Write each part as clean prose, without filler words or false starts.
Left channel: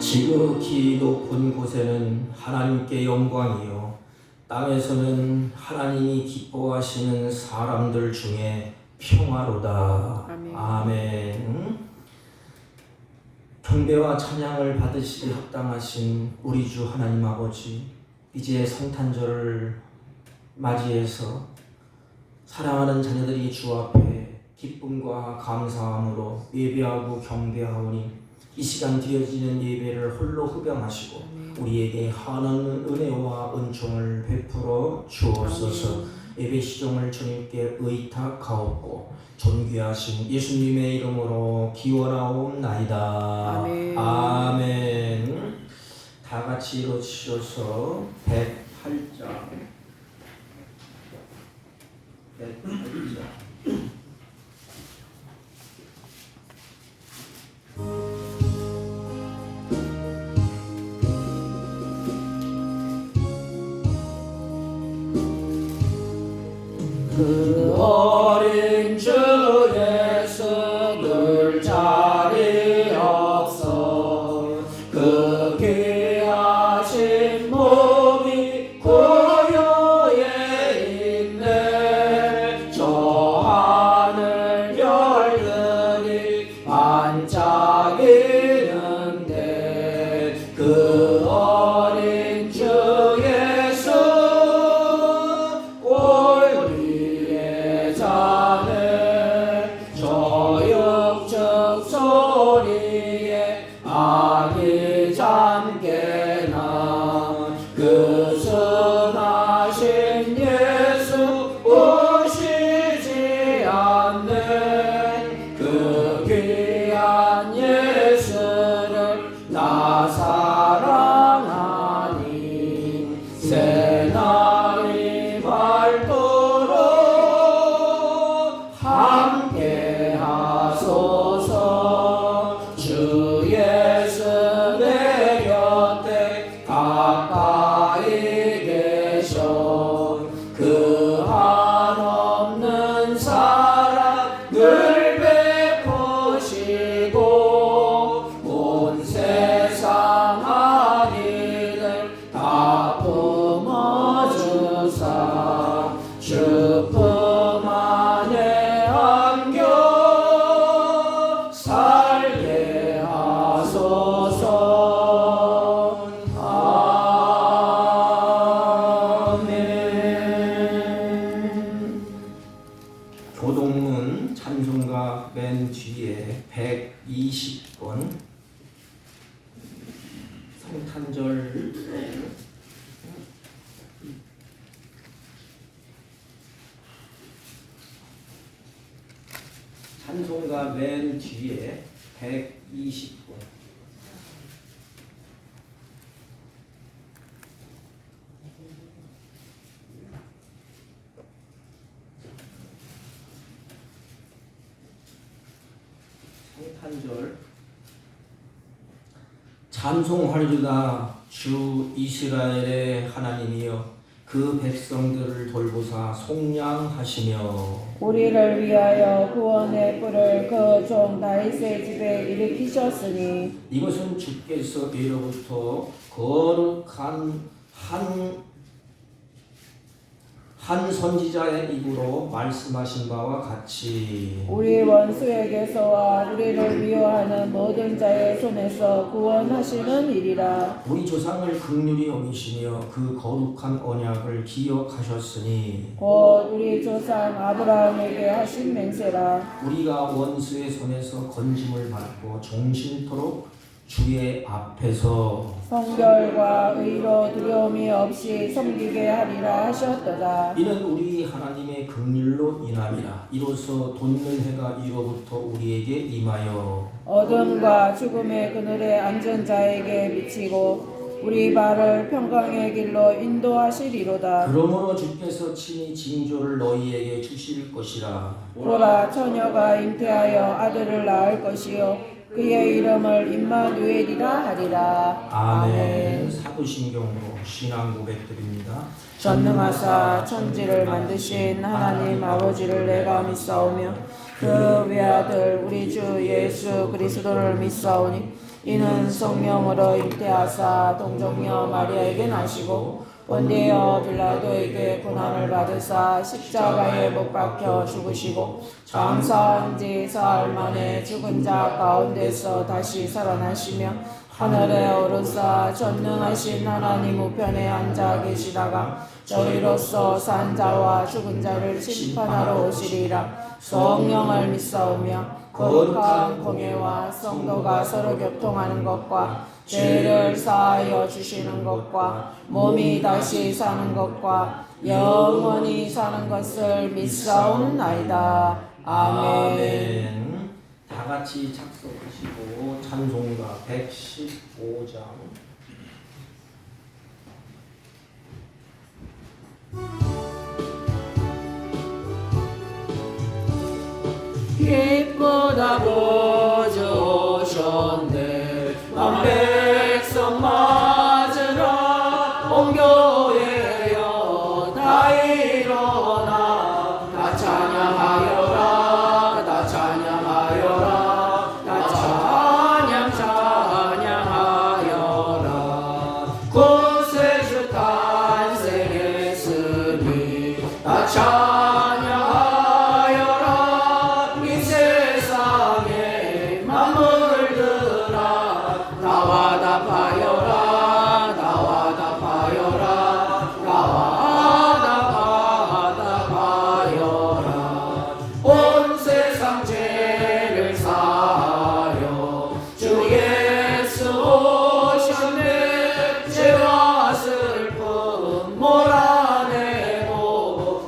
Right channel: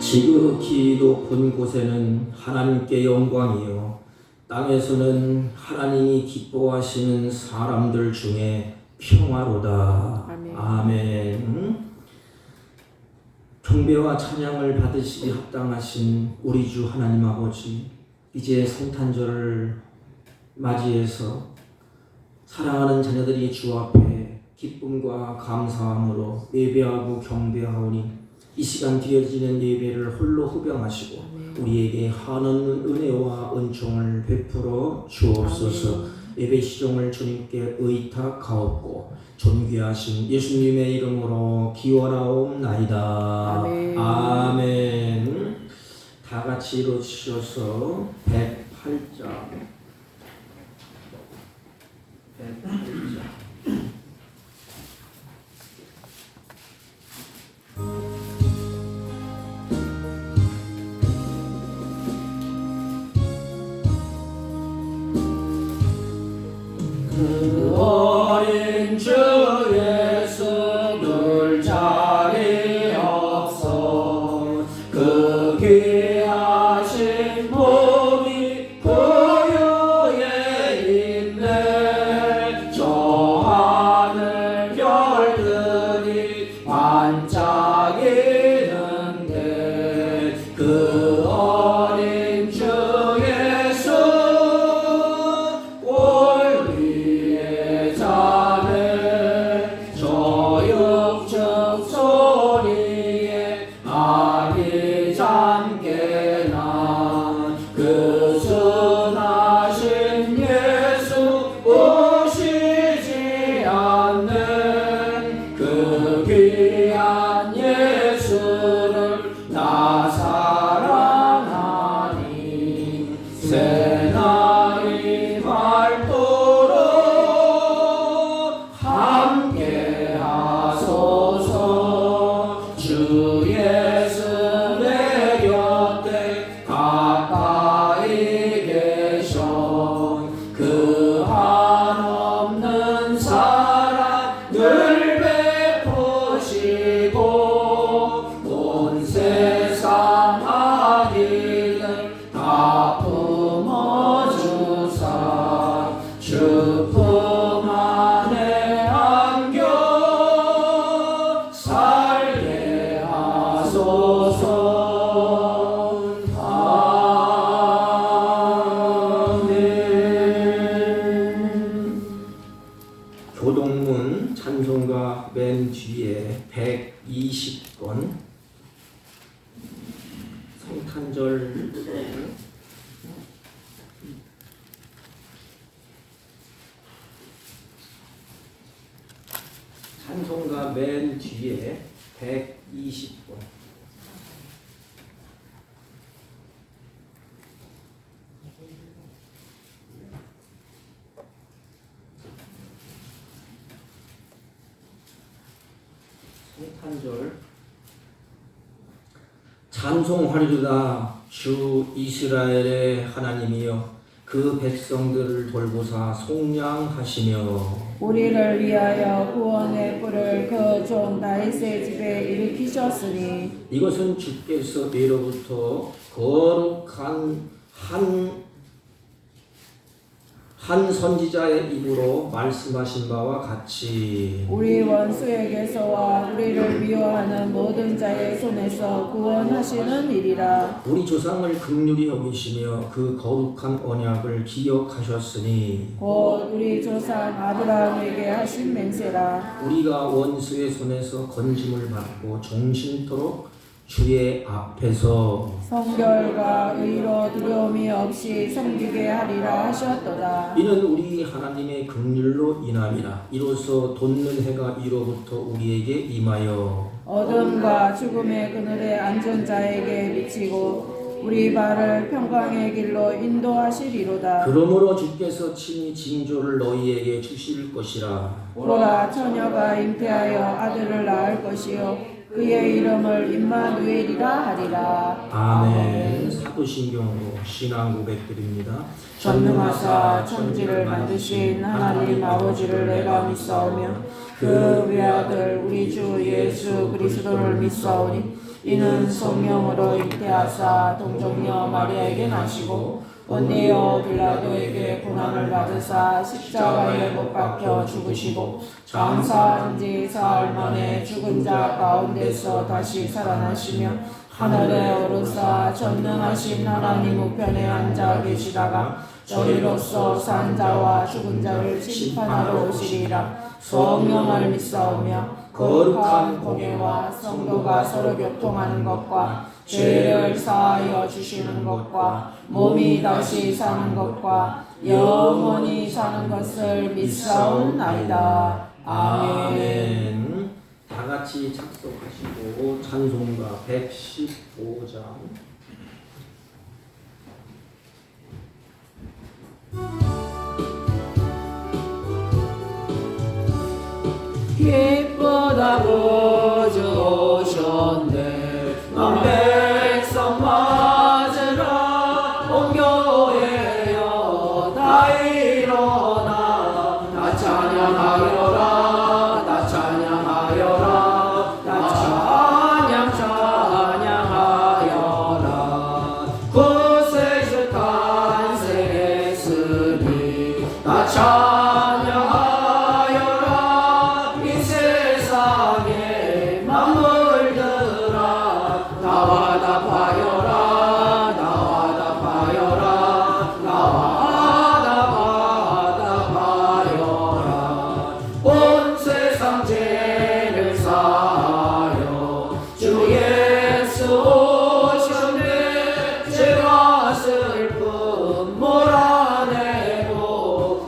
지극히 높은 곳에는 하나님께 영광이요 땅에서는 하나님이 기뻐하시는 사람들 중에 평화로다. 아멘. 아멘. 경배와 찬양을 받으시기 합당하신 우리 주 하나님 아버지, 이제 성탄절을 맞이해서 사랑하는 자녀들이 주 앞에 기쁨과 감사함으로 예배하고 경배하오니 이 시간 드려지는 예배를 홀로 흡양하시고 아멘. 우리에게 한없는 은혜와 은총을 베풀어 주옵소서. 아멘. 예배 시종을 주님께 의탁하옵고 존귀하신 예수님의 이름으로 기원하옵나이다. 아멘. 아멘. 다 같이 일어서셔서 108장 108장 그 어린 주 예수 늘 자리 없어 그 귀하신 몸이 고요에 있네. 저 하늘 별들이 반짝이는데 그 어린 주 예수 새날이 밝도록 함께하소서. 주 예수 내 곁에 가까이 계셔 그 한없는 사랑을 베푸시고 온 세상 아기들 다 품어주사 주 품 안에 안겨 살게 하소서. 아멘. 교동문 찬송가 맨 뒤에 120권 성탄절 찬송가 맨 뒤에 120권 성탄절 찬송하리로다. 주 이스라엘의 하나님이여 그 백성들을 돌보사 속량하시며 우리를 위하여 구원의 뿔을 그 종 다윗의 집에 일으키셨으니 이것은 주께서 예로부터 거룩한 한 선지자의 입으로 말씀하신 바와 같이 우리 원수에게서와 우리를 미워하는 모든 자의 손에서 구원하시는 일이라. 우리 조상을 긍휼히 여기시며 그 거룩한 언약을 기억하셨으니 곧 우리 조상 아브라함에게 하신 맹세라. 우리가 원수의 손에서 건짐을 받고 종신토록 주의 앞에서 성결과 의로 두려움이 없이 섬기게 하리라 하셨도다. 이는 우리 하나님의 긍휼로 인함이라. 이로써 돋는 해가 이로부터 우리에게 임하여 어둠과 죽음의 그늘에 앉은 자에게 비치고 우리 발을 평강의 길로 인도하시리로다. 그러므로 주께서 친히 징조를 너희에게 주실 것이라. 보라, 처녀가 잉태하여 아들을 낳을 것이요 그의 이름을 임마누엘이라 하리라. 아멘. 사도신경으로 신앙 고백드립니다. 전능하사 천지를 만드신 하나님 아버지를 내가 믿사오며 그 외아들 우리 주 예수 그리스도를 믿사오니 이는 성령으로 잉태하사 동정녀 마리아에게 나시고 본디오 빌라도에게 고난을 받으사 십자가에 못 박혀 죽으시고 장사한 지 사흘 만에 죽은 자 가운데서 다시 살아나시며 하늘에 오르사 전능하신 하나님 우편에 앉아 계시다가 저희로서 산 자와 죽은 자를 심판하러 오시리라. 성령을 믿사오며 거룩한 공예와 성도가 서로 교통하는 것과 죄를 사하여 주시는 것과 몸이 다시 사는 것과 영원히 사는 것을 믿사옵나이다. 아멘. 다 같이 작성하시고 찬송가 115장. 기쁘다고 주셨네 백성 맞으라 온 교회여 다 일어나 다 찬양하여라 다 찬양하여라 다 찬양하여라 구세주 탄생했으니 다 찬양하여라 이 세상에 만물들아 나와 답하여라 나와 답하여라 나와 답하여라 온 세상 죄를 사하려 주 예수 오셨네 죄와 슬픔 몰아내고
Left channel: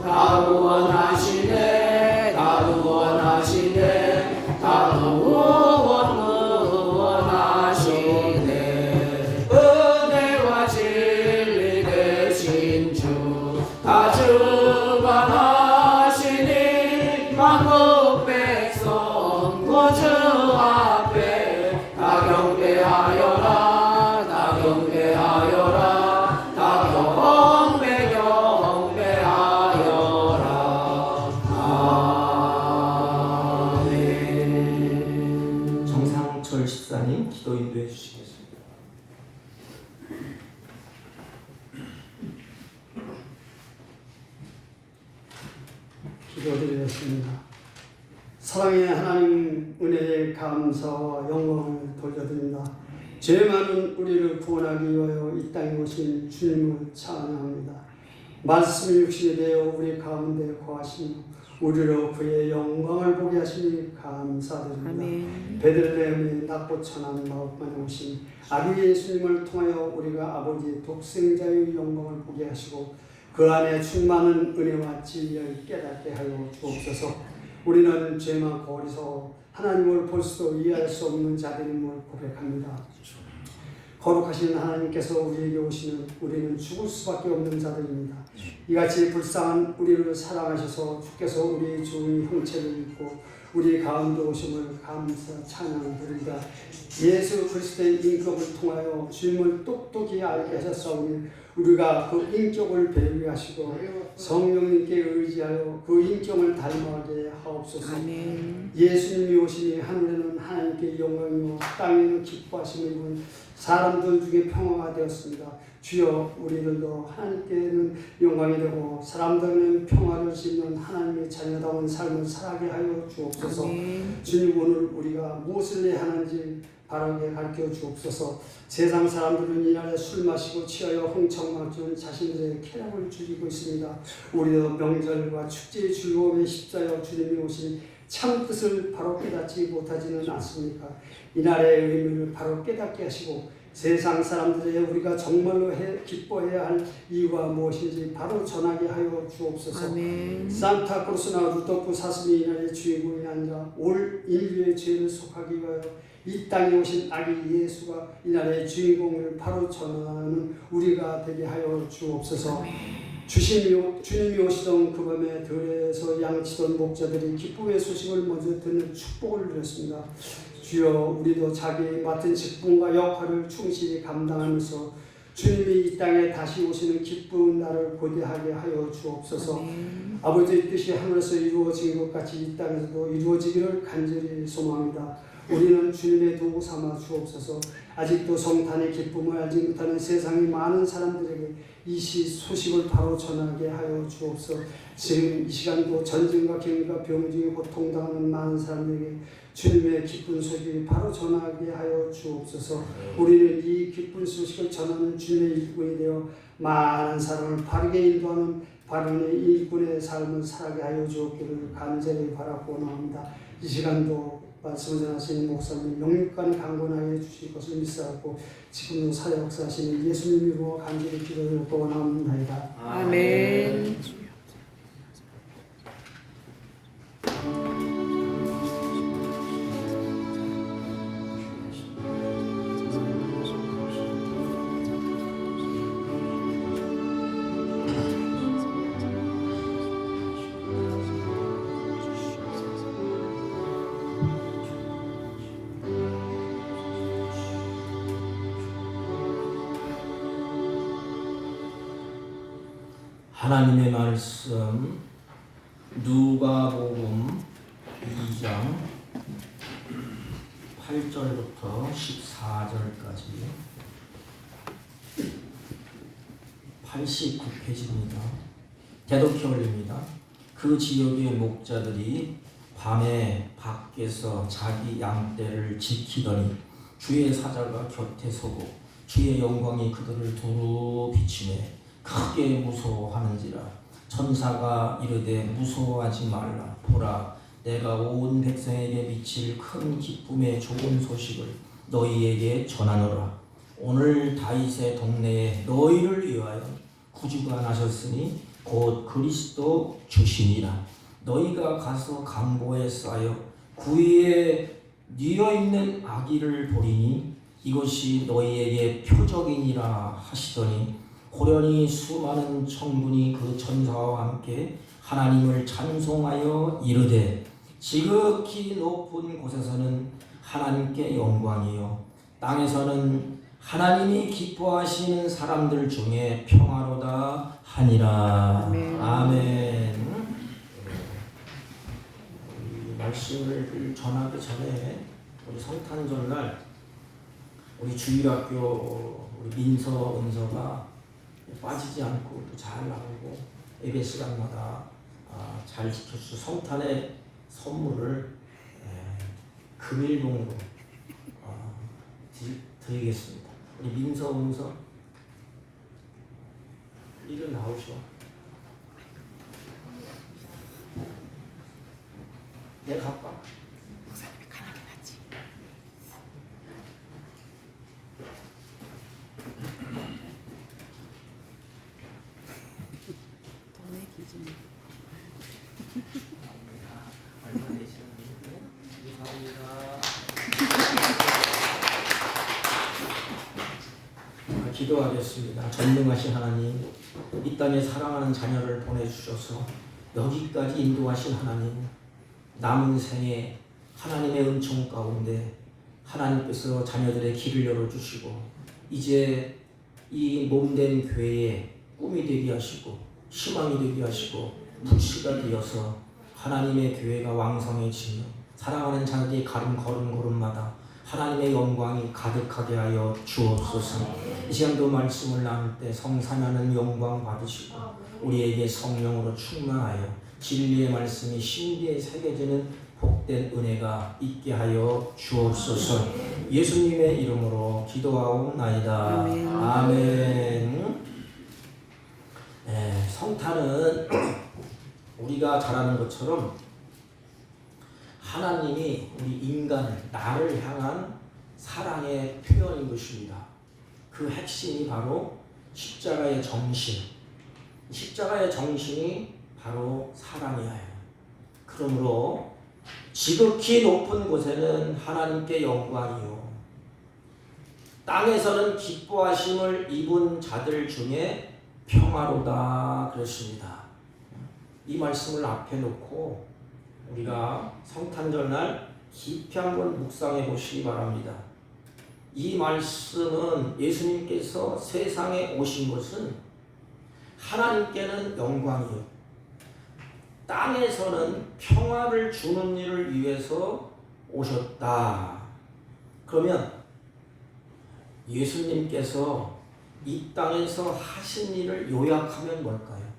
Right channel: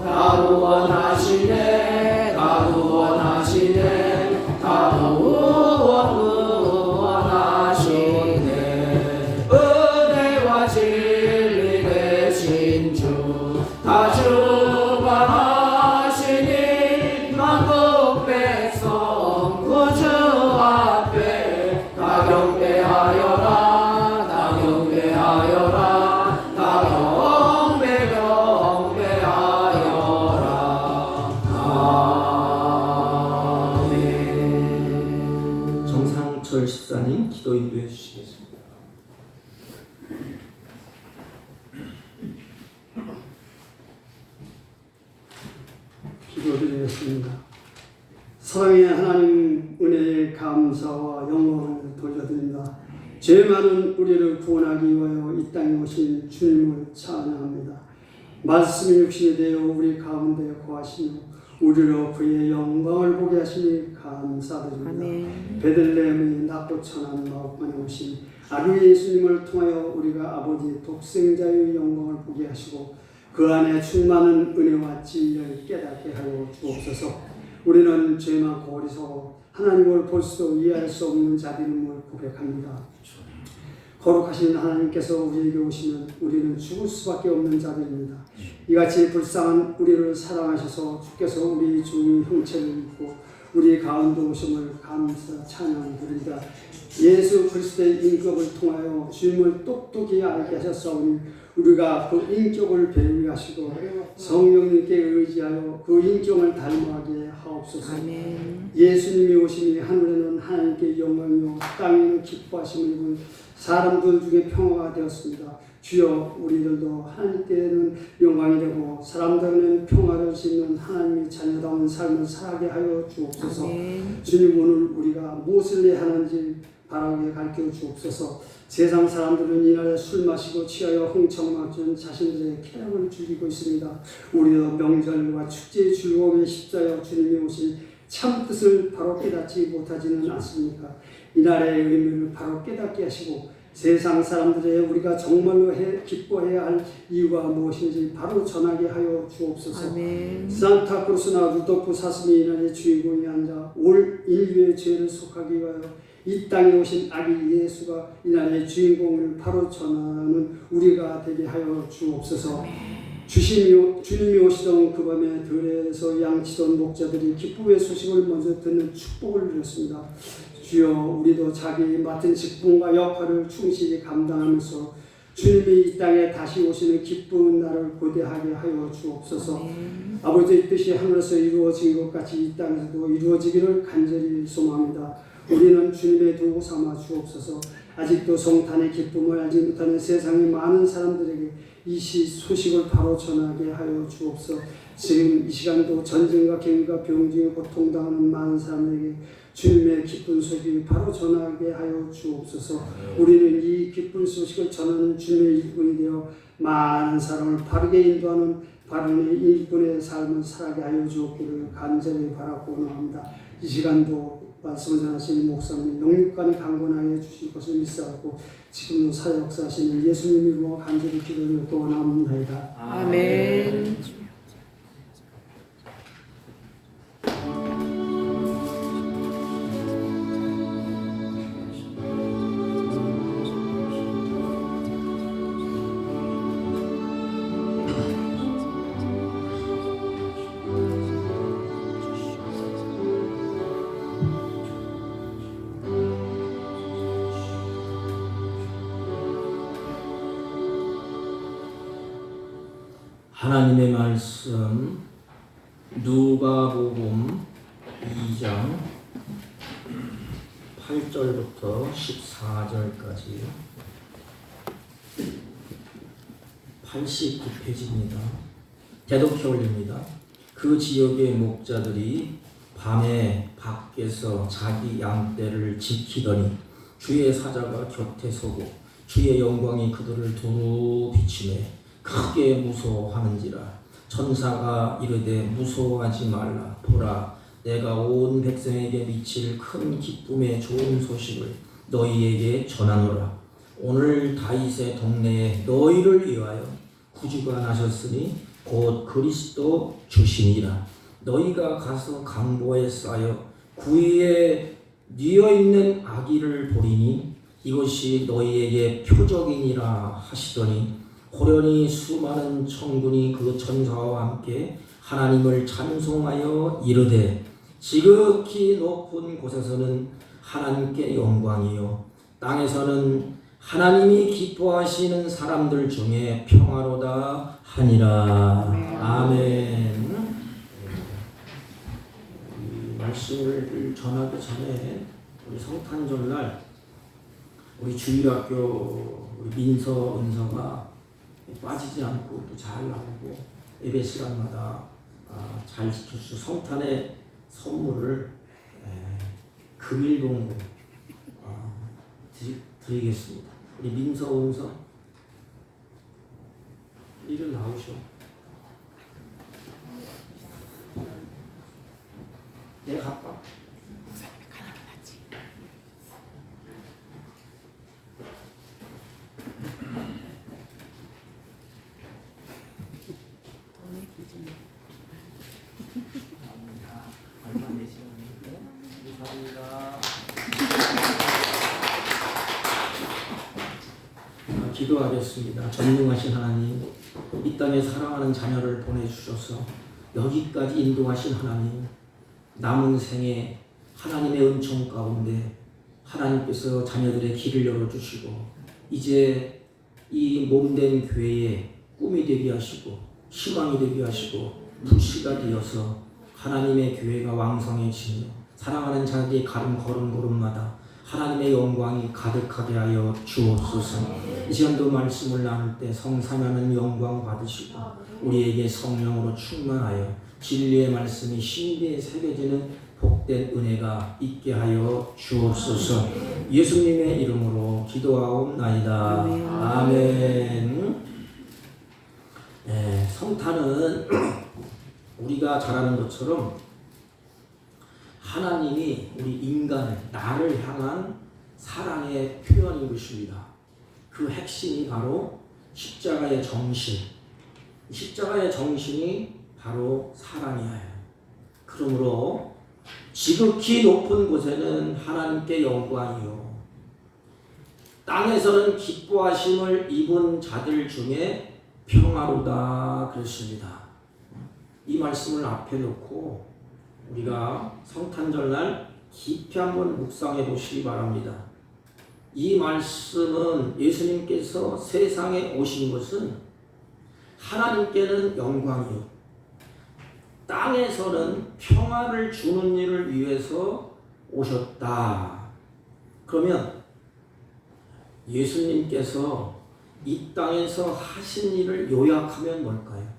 다 구원하시네 다 구원하시네 다 구원하시네 은혜와 진리 되신 주 다 주관하시니 만국 백성 구주 앞에 다 경배하여라 다 경배하여라 다 경배하여라 아멘. 정상철 집사님 기도 인도해 주시겠습니다. 기도드리겠습니다. 사랑의 하나님 은혜에 감사와 영광을 돌려드립니다. 죄 많은 우리를 구원하기 위하여 이 땅에 오신 주님을 찬양합니다. 말씀이 육신이 되어 우리 가운데 거하시며 우리로 그의 영광을 보게 하시니 감사드립니다. 아멘. 베들레헴의 낮고 천한 마음만에 오신 아기 예수님을 통하여 우리가 아버지 독생자의 영광을 보게 하시고 그 안에 충만한 은혜와 진리를 깨닫게 하여 주옵소서. 우리는 죄 많고 어리석어 하나님을 볼 수도 이해할 수 없는 자들임을 고백합니다. 거룩하신 하나님께서 우리에게 오시면 우리는 죽을 수밖에 없는 자들입니다. 이같이 불쌍한 우리를 사랑하셔서 주께서 우리의 좋은 형체를 입고 우리 가운데 오심을 감사 찬양드립니다. 예수 그리스도의 인격을 통하여 주님을 똑똑히 알게 하셨사오니 우리가 그 인격을 배우하시고 성령님께 의지하여 그 인격을 닮아가게 하옵소서. 아멘. 예수님이 오시니 하늘에는 하나님께 영광이요 땅에는 기뻐하심을 입은 사람들 중에 평화가 되었습니다. 주여 우리들도 하나님께는 영광이 되고 사람들은 평화를 짓는 하나님의 자녀다운 삶을 살아게 하여 주옵소서. 아멘. 주님 오늘 우리가 무엇을 해야 하는지 바르게 가르쳐 주옵소서. 세상 사람들은 이날에 술 마시고 취하여 흥청망청 자신들의 쾌락을 즐기고 있습니다. 우리도 명절과 축제의 즐거움에 십자여 주님이 오신 참 뜻을 바로 깨닫지 못하지는 않습니까? 이날의 의미를 바로 깨닫게 하시고 세상 사람들의 우리가 정말로 기뻐해야 할 이유가 무엇인지 바로 전하게 하여 주옵소서. 아멘. 산타크루스나 루도프 사슴이 이날의 주인공에 앉아 올 인류의 죄를 속하기 위하여 이 땅에 오신 아기 예수가 이 나라의 주인공을 바로 전하는 우리가 되게 하여 주옵소서. 주님이 오시던 그 밤에 들에서 양치던 목자들이 기쁨의 소식을 먼저 듣는 축복을 누렸습니다. 주여, 우리도 자기 맡은 직분과 역할을 충실히 감당하면서 주님이 이 땅에 다시 오시는 기쁜 날을 고대하게 하여 주옵소서. 아버지의 뜻이 하늘에서 이루어진 것 같이 이 땅에서도 이루어지기를 간절히 소망합니다. 우리는 주님의 도구 삼아 주옵소서. 아직도 성탄의 기쁨을 알지 못하는 세상의 많은 사람들에게 이 소식을 바로 전하게 하여 주옵소서. 지금 이 시간도 전쟁과 격리가 병중에 고통당하는 많은 사람에게 주님의 기쁜 소식을 바로 전하게 하여 주옵소서. 우리는 이 기쁜 소식을 전하는 주님의 일꾼이 되어 많은 사람을 바르게 인도하는 바른 일꾼의 삶을 살게 하여 주옵기를 간절히 바라고 나옵니다. 이 시간도 말씀을 전하시는 목사님 영육간에 강건하게 해주실 것을 믿사옵고 지금도 사역사하시는 예수님 이름으로 간절히 기도드리고 나옵니다. 아멘. 하나님의 말씀 누가복음 2장 8절부터 14절까지 89페이지입니다. 대독히 올립니다. 그 지역의 목자들이 밤에 밖에서 자기 양떼를 지키더니 주의 사자가 곁에 서고 주의 영광이 그들을 두루 비추네 크게 무서워하는지라. 천사가 이르되 무서워하지 말라. 보라, 내가 온 백성에게 미칠 큰 기쁨의 좋은 소식을 너희에게 전하노라. 오늘 다윗의 동네에 너희를 위하여 구주가 나셨으니 곧 그리스도 주시니라. 너희가 가서 강보에 쌓여 구위에 뉘어있는 아기를 보리니 이것이 너희에게 표적이니라 하시더니 호련히 수많은 천군이 그 천사와 함께 하나님을 찬송하여 이르되 지극히 높은 곳에서는 하나님께 영광이요 땅에서는 하나님이 기뻐하시는 사람들 중에 평화로다 하니라. 아멘. 이 말씀을 전하기 전에 우리 성탄 전날 우리 주일학교 우리 민서 은서가 빠지지 않고 또 잘 나오고 예배 시간마다 잘 지켜주셔서 성탄의 선물을 금일봉으로 드리겠습니다. 우리 민서 은서 이리 나오셔. 내가 갈까? 기도하겠습니다. 전능하신 하나님, 이 땅에 사랑하는 자녀를 보내주셔서 여기까지 인도하신 하나님, 남은 생에 하나님의 은총 가운데 하나님께서 자녀들의 길을 열어주시고 이제 이 몸된 교회에 꿈이 되게 하시고 희망이 되게 하시고 불씨가 되어서 하나님의 교회가 왕성해지며 사랑하는 자들이 걸음걸음마다 하나님의 영광이 가득하게 하여 주옵소서. 이 시간도 말씀을 나눌 때 성삼하는 영광 받으시고 우리에게 성령으로 충만하여 진리의 말씀이 신비에 새겨지는 복된 은혜가 있게 하여 주옵소서. 예수님의 이름으로 기도하옵나이다. 아멘. 네, 성탄은 우리가 잘 아는 것처럼 하나님이 우리 인간을 나를 향한 사랑의 표현인 것입니다. 그 핵심이 바로 십자가의 정신. 십자가의 정신이 바로 사랑이에요. 그러므로 지극히 높은 곳에는 하나님께 영광이요 땅에서는 기뻐하심을 입은 자들 중에 평화로다 그랬습니다. 이 말씀을 앞에 놓고 우리가 성탄절날 깊이 한번 묵상해 보시기 바랍니다. 이 말씀은 예수님께서 세상에 오신 것은 하나님께는 영광이요 땅에서는 평화를 주는 일을 위해서 오셨다. 그러면 예수님께서 이 땅에서 하신 일을 요약하면 뭘까요?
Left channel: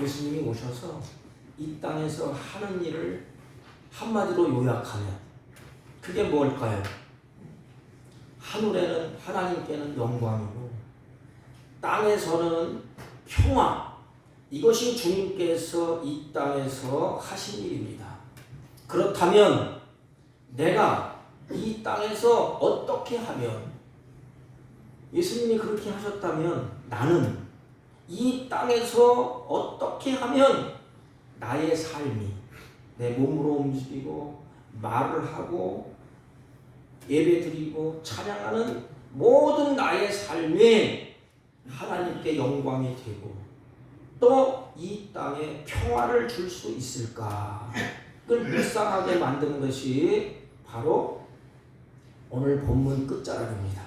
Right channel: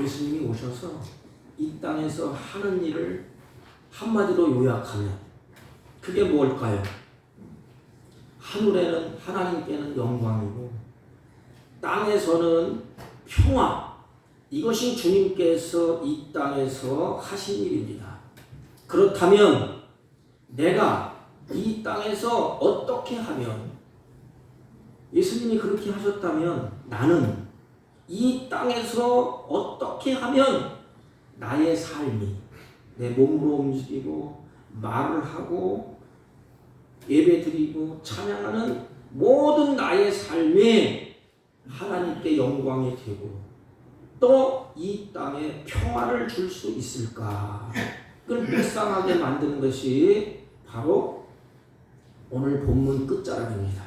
예수님이 오셔서 이 땅에서 하는 일을 한마디로 요약하면 그게 뭘까요? 하늘에는 하나님께는 영광이고 땅에서는 평화, 이것이 주님께서 이 땅에서 하신 일입니다. 그렇다면 내가 이 땅에서 어떻게 하면, 예수님이 그렇게 하셨다면 나는 이 땅에서 어떻게 하면 나의 삶이 내 몸으로 움직이고 말을 하고 예배드리고 찬양하는 모든 나의 삶이 하나님께 영광이 되고 또 이 땅에 평화를 줄 수 있을까? 그걸 묵상하게 만드는 것이 바로 오늘 본문 끝자락입니다.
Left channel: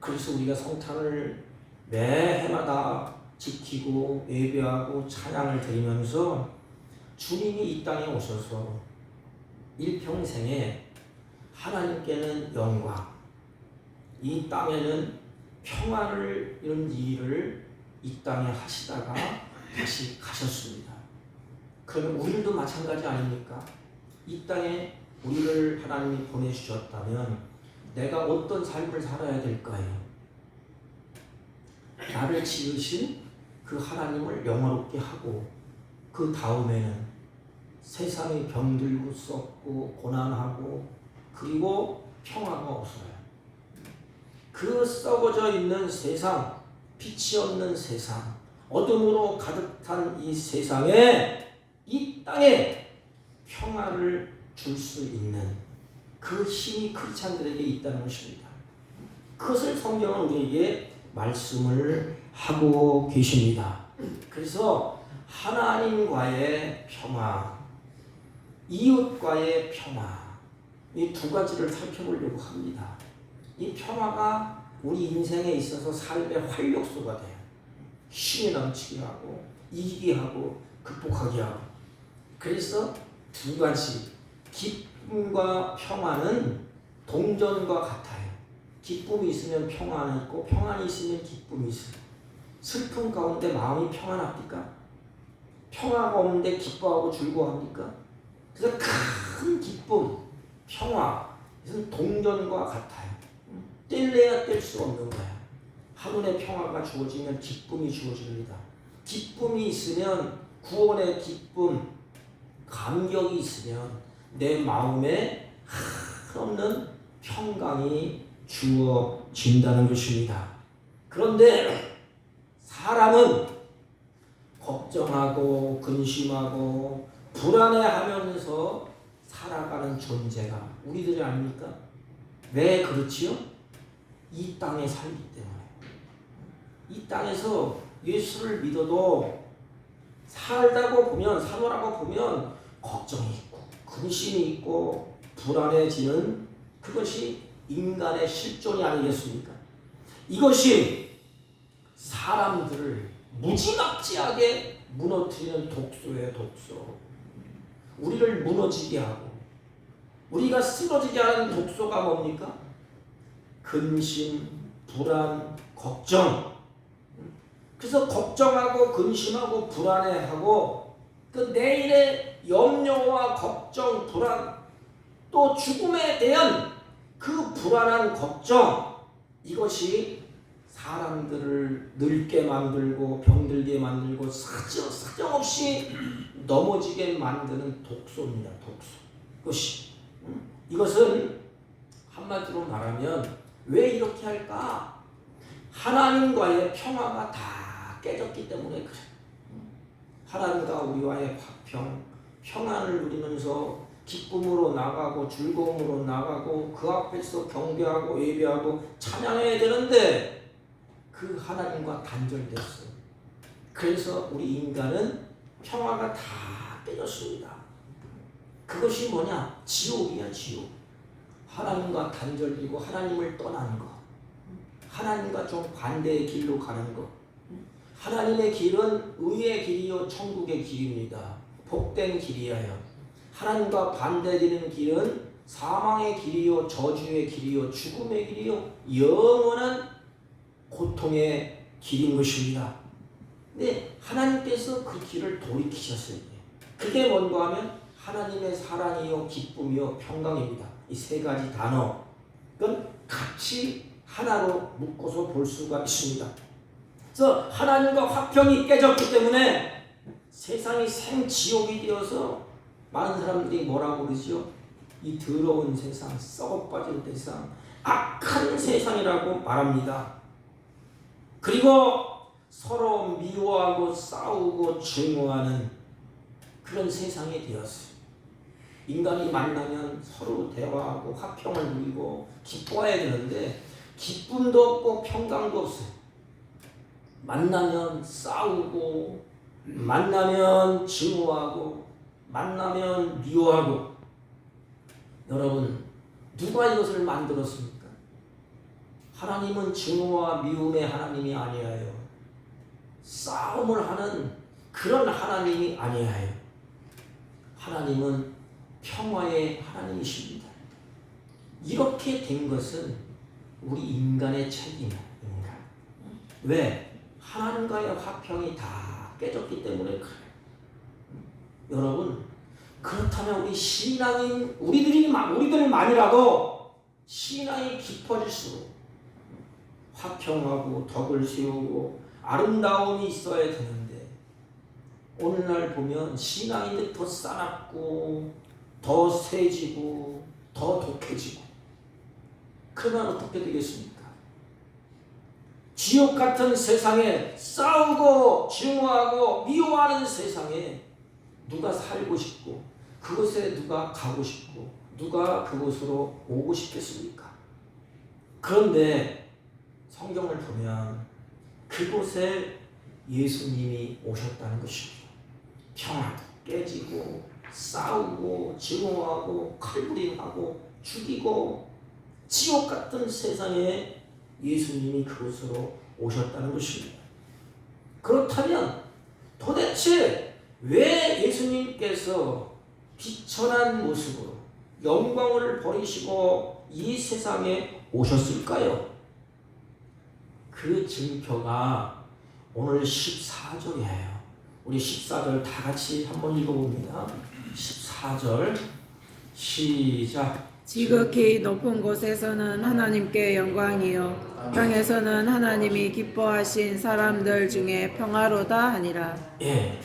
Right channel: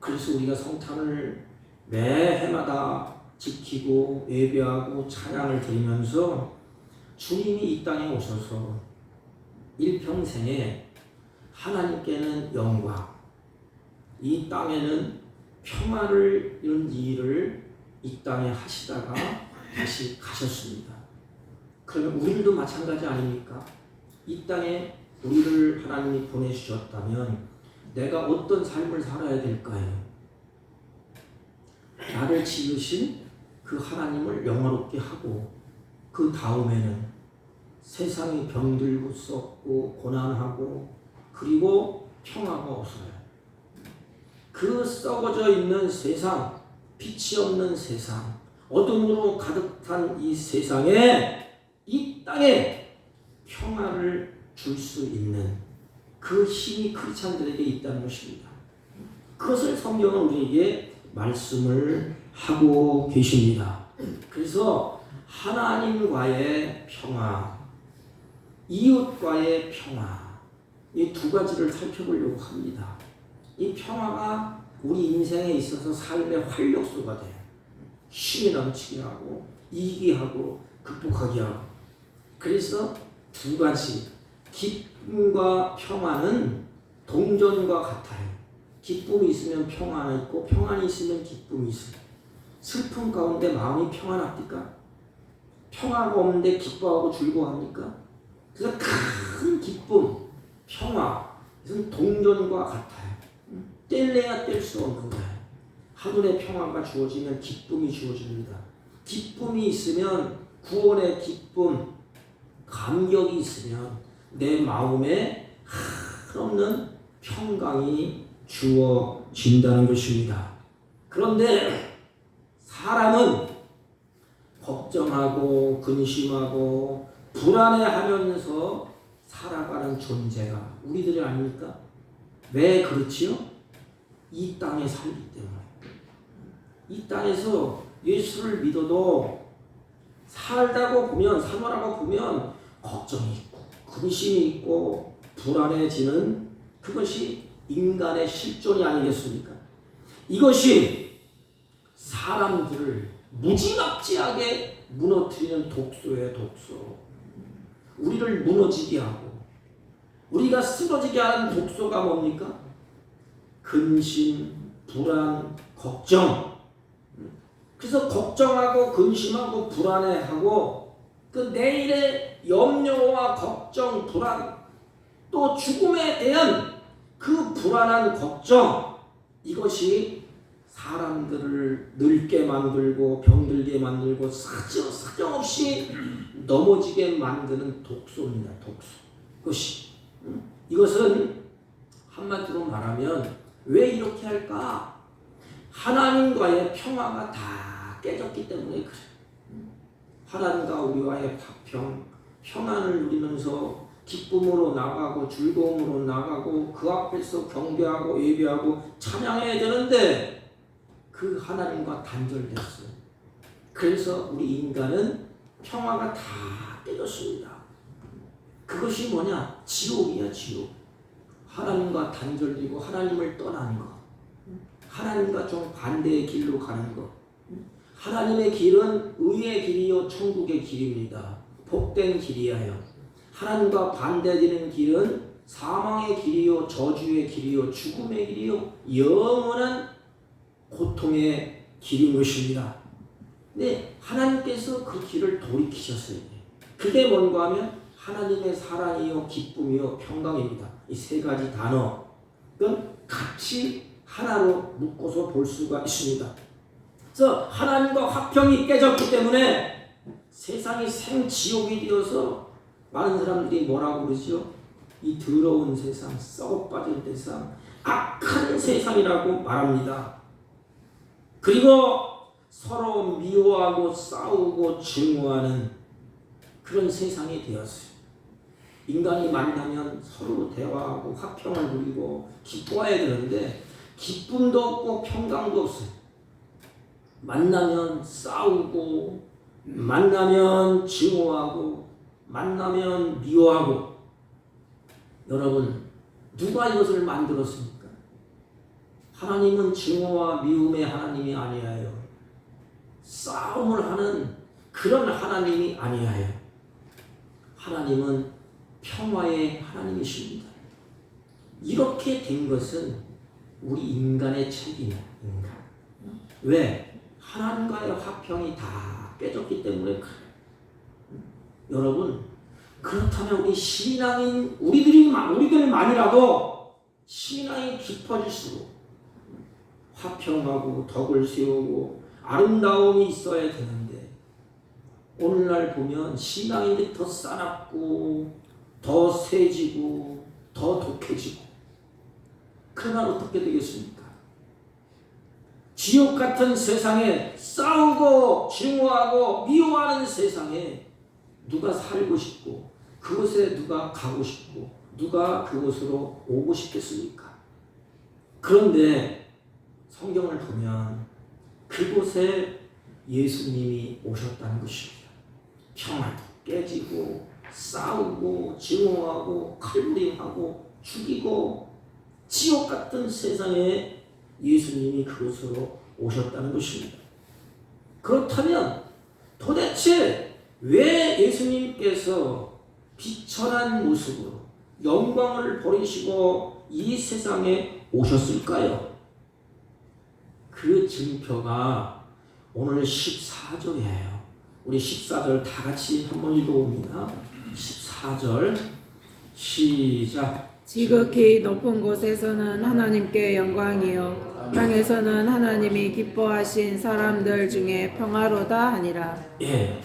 그래서 우리가 성탄을 매 해마다 지키고 예배하고 찬양을 드리면서 주님이 이 땅에 오셔서 일평생에 하나님께는 영광, 이 땅에는 평화를 이런 일을 이 땅에 하시다가 다시 가셨습니다. 그러면 우리도 마찬가지 아닙니까? 이 땅에 우리를 하나님이 보내주셨다면 내가 어떤 삶을 살아야 될까요? 나를 지으신 그 하나님을 영화롭게 하고 그 다음에는 세상이 병들고 썩고 고난하고 그리고 평화가 없어요. 그 썩어져 있는 세상, 빛이 없는 세상, 어둠으로 가득한 이 세상에, 이 땅에 평화를 줄 수 있는 그 힘이 크리스찬들에게 있다는 것입니다. 그것을 성경은 우리에게 말씀을 하고 계십니다. 그래서 하나님과의 평화, 이웃과의 평화, 이 두 가지를 살펴보려고 합니다. 이 평화가 우리 인생에 있어서 삶의 활력소가 돼요. 힘이 넘치게 하고 이기게 하고 극복하게 하고. 그래서 두 가지, 기쁨과 평화는 동전과 같아요. 기쁨이 있으면 평안이 있고 평안이 있으면 기쁨이 있어요. 슬픔 가운데 마음이 평안합니까? 평화가 없는데 기뻐하고 즐거워합니까? 그래서 큰 기쁨, 평화, 이것은 동전과 같아요. 뗄래야 뗄 수 없는 거예요. 하늘의 평화가 주어지면 기쁨이 주어집니다. 기쁨이 있으면 구원의 기쁨, 감격이 있으면 내 마음에 한없는 평강이 주어진다는 것입니다. 그런데 사람은 걱정하고 근심하고 불안해하면서 살아가는 존재가 우리들이 아닙니까? 왜 그렇지요? 이 땅에 살기 때문에. 이 땅에서 예수를 믿어도 살다고 보면, 살아가고 보면 걱정이 있고 근심이 있고 불안해지는 그것이 인간의 실존이 아니겠습니까? 이것이 사람들을 무지막지하게 무너뜨리는 독소예요, 독소. 우리를 무너지게 하고 우리가 쓰러지게 하는 독소가 뭡니까? 근심, 불안, 걱정. 그래서 걱정하고 근심하고 불안해하고 그 내일의 염려와 걱정, 불안, 또 죽음에 대한 그 불안한 걱정, 이것이 사람들을 늙게 만들고 병들게 만들고 사정없이 넘어지게 만드는 독소입니다. 독소. 이것은 한마디로 말하면 왜 이렇게 할까? 하나님과의 평화가 다 깨졌기 때문에 그래요. 하나님과 우리와의 화평, 평안을 누리면서 기쁨으로 나가고 즐거움으로 나가고 그 앞에서 경배하고 예배하고 찬양해야 되는데 그 하나님과 단절됐어요. 그래서 우리 인간은 평화가 다 깨졌습니다. 그것이 뭐냐? 지옥이야, 지옥. 하나님과 단절되고 하나님을 떠난 것. 하나님과 좀 반대의 길로 가는 것. 하나님의 길은 의의 길이요 천국의 길입니다. 복된 길이에요. 하나님과 반대되는 길은 사망의 길이요 저주의 길이요 죽음의 길이요 영원한 고통의 길인 것입니다. 근데 하나님께서 그 길을 돌이키셨어요. 그게 뭔가 하면 하나님의 사랑이요 기쁨이요 평강입니다. 이 세 가지 단어는 같이 하나로 묶어서 볼 수가 있습니다. 그래서 하나님과 화평이 깨졌기 때문에 세상이 생지옥이 되어서 많은 사람들이 뭐라고 그러죠? 이 더러운 세상, 썩어빠진 세상, 악한 세상이라고 말합니다. 그리고 서로 미워하고 싸우고 증오하는 그런 세상이 되었어요. 인간이 만나면 서로 대화하고 화평을 누리고 기뻐해야 되는데 기쁨도 없고 평강도 없어요. 만나면 싸우고 만나면 증오하고 만나면 미워하고. 여러분, 누가 이것을 만들었습니까? 하나님은 증오와 미움의 하나님이 아니에요. 싸움을 하는 그런 하나님이 아니에요. 하나님은 평화의 하나님이십니다. 이렇게 된 것은 우리 인간의 책임이야. 인간. 왜? 하나님과의 화평이 다 깨졌기 때문에 그래요. 여러분, 그렇다면 우리 신앙인 우리들만이라도 신앙이 깊어질수록 화평하고 덕을 세우고 아름다움이 있어야 되는데 오늘날 보면 신앙인들이 더 싸납고 더 세지고 더 독해지고. 그러면 어떻게 되겠습니까? 지옥 같은 세상에 싸우고 증오하고 미워하는 세상에 누가 살고 싶고 그곳에 누가 가고 싶고 누가 그곳으로 오고 싶겠습니까? 그런데 성경을 보면 그곳에 예수님이 오셨다는 것입니다. 평화도 깨지고 싸우고 증오하고 칼부림하고 죽이고 지옥 같은 세상에 예수님이 그곳으로 오셨다는 것입니다. 그렇다면 도대체 왜 예수님께서 비천한 모습으로 영광을 버리시고 이 세상에 오셨을까요? 그 증표가 오늘 14절이에요. 우리 14절 다 같이 한번 읽어봅니다. 14절 시작. 지극히 높은 곳에서는 하나님께 영광이요 땅에서는 하나님이 기뻐하신 사람들 중에 평화로다 하니라. 예,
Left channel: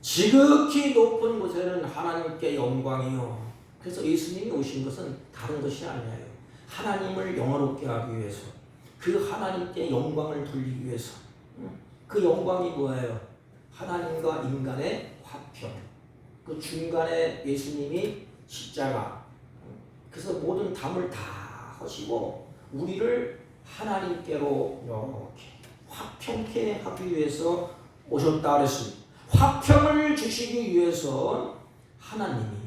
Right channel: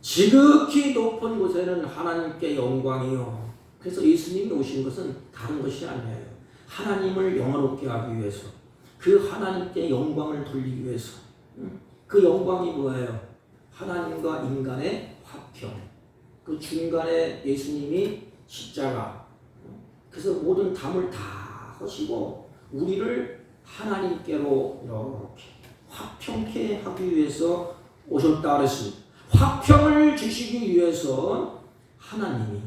지극히 높은 곳에는 하나님께 영광이요. 그래서 예수님이 오신 것은 다른 것이 아니에요. 하나님을 영화롭게 하기 위해서, 그 하나님께 영광을 돌리기 위해서. 그 영광이 뭐예요? 하나님과 인간의 화평. 그 중간에 예수님이 십자가. 그래서 모든 담을 다 하시고 우리를 하나님께로 이렇게 화평케 하기 위해서 오셨다 그랬습니다. 화평을 주시기 위해서 하나님이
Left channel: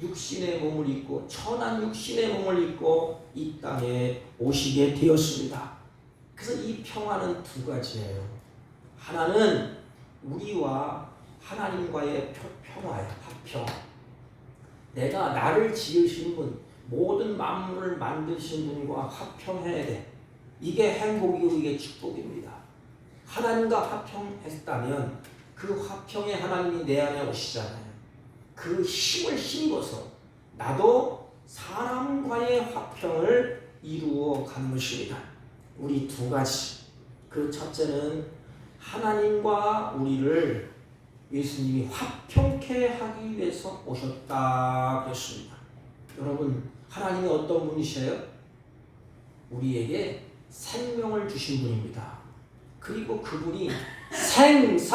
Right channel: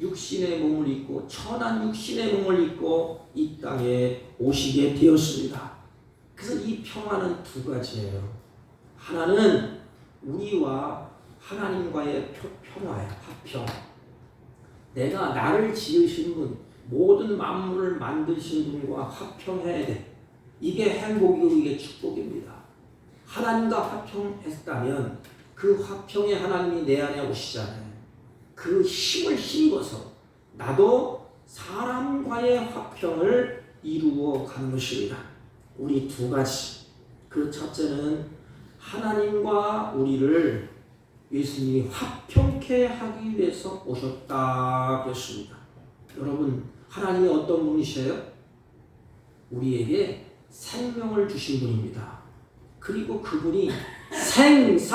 육신의 몸을 입고 천한 육신의 몸을 입고 이 땅에 오시게 되었습니다. 그래서 이 평화는 두 가지예요. 하나는 우리와 하나님과의 평화야, 화평. 내가 나를 지으신 분, 모든 만물을 만드신 분과 화평해야 돼. 이게 행복이고 이게 축복입니다. 하나님과 화평했다면 그 화평의 하나님이 내 안에 오시잖아요. 그 힘을 힘입어서 나도 사람과의 화평을 이루어 가는 것입니다. 우리 두 가지. 그 첫째는 하나님과 우리를 예수님이 화평케 하기 위해서 오셨다 그랬습니다. 여러분, 하나님이 어떤 분이세요? 우리에게 생명을 주신 분입니다. 그리고 그분이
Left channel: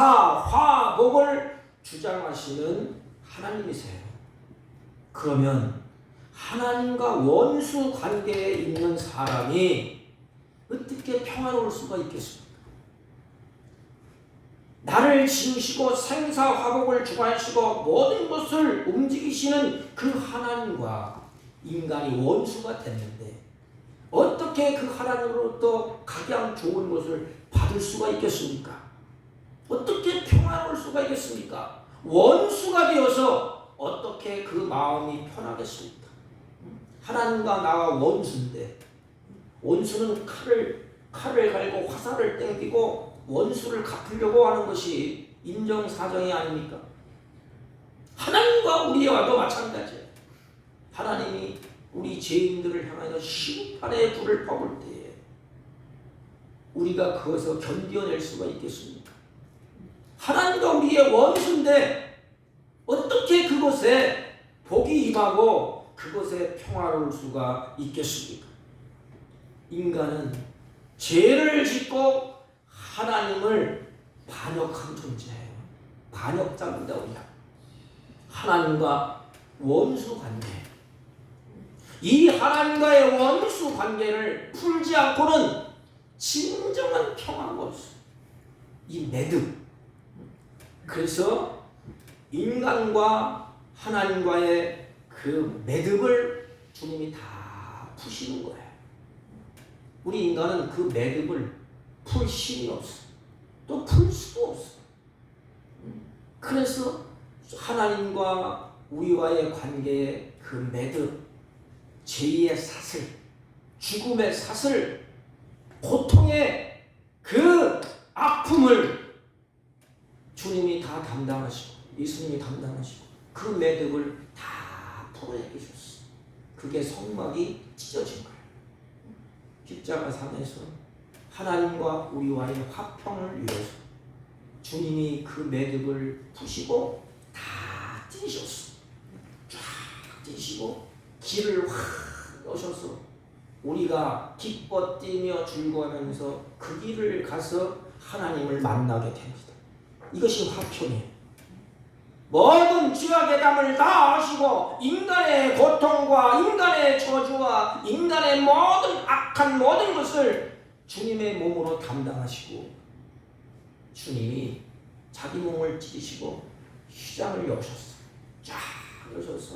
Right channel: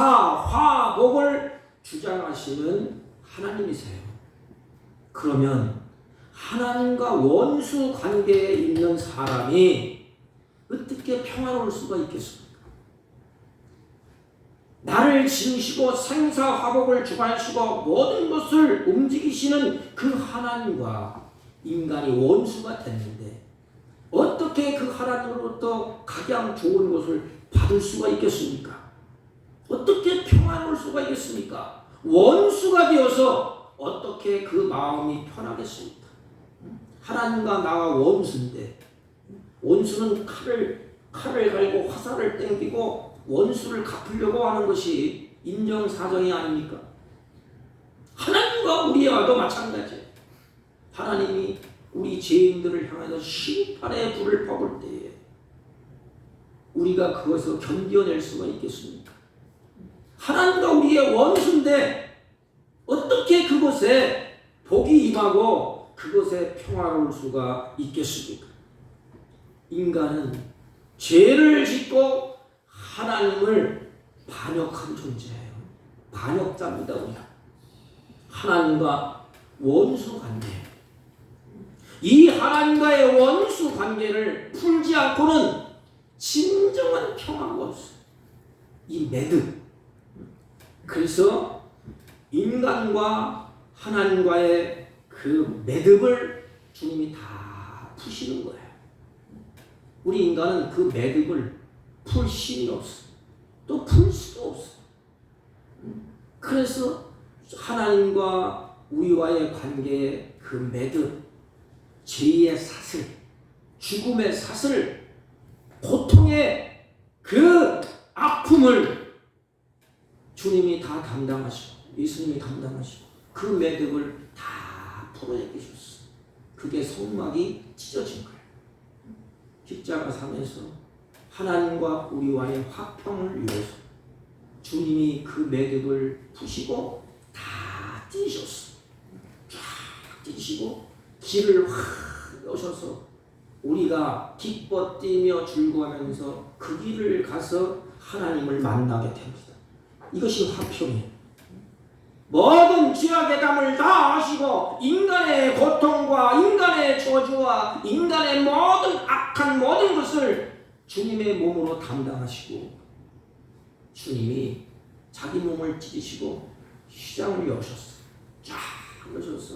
생사화복을 주장하시는 하나님이세요. 그러면 하나님과 원수 관계에 있는 사람이 어떻게 평화로울 수가 있겠습니까? 나를 지으시고 생사화복을 주관하시고 모든 것을 움직이시는 그 하나님과 인간이 원수가 됐는데 어떻게 그 하나님으로부터 가장 좋은 것을 받을 수가 있겠습니까? 어떻게 평화로울 수가 있겠습니까? 원수가 되어서 어떻게 그 마음이 편하겠습니까? 하나님과 나와 원수인데 원수는 칼을 갈고 화살을 땡기고 원수를 갚으려고 하는 것이 인정사정이 아닙니까? 하나님과 우리와도 마찬가지예요. 하나님이 우리 죄인들을 향해서 심판의 불을 퍼볼 때에 우리가 그것을 견뎌낼 수가 있겠습니까? 하나님과 우리의 원수인데 어떻게 그곳에 복이 임하고 그것에 평화로울 수가 있겠습니까? 인간은 죄를 짓고 하나님을 반역한 존재예요. 반역자입니다. 우리가 하나님과 원수 관계, 이 하나님과의 원수 관계를 풀지 않고는 진정한 평화가 없어요. 이 매듭. 그래서 인간과 하나님과의 그 매듭을 주님이 다 푸시는 거예요. 우리 인간은 그 매듭을 풀 힘이 없어. 또 풀 수도 없어. 그래서 하나님과 우리와의 관계의 그 매듭, 죄의 사슬, 죽음의 사슬, 고통의 그 아픔을 주님이 다 담당하시고 예수님이 담당하시고 그 매듭을 다 풀어내주셨어. 그게 성막이 찢어진 거예요. 십자가상에서 하나님과 우리와의 화평을 위해서 주님이 그 매듭을 푸시고 다 찢으셨어. 쫙 찢으시고 길을 확 여셔서 우리가 기뻐 뛰며 즐거워하면서 그 길을 가서 하나님을 만나게 됩니다. 이것이 화평이에요. 모든 죄악의 담을 다 하시고 인간의 고통과 인간의 저주와 인간의 모든 악한 모든 것을 주님의 몸으로 담당하시고 주님이 자기 몸을 찢으시고 시장을 여셨어요. 쫙 여셔서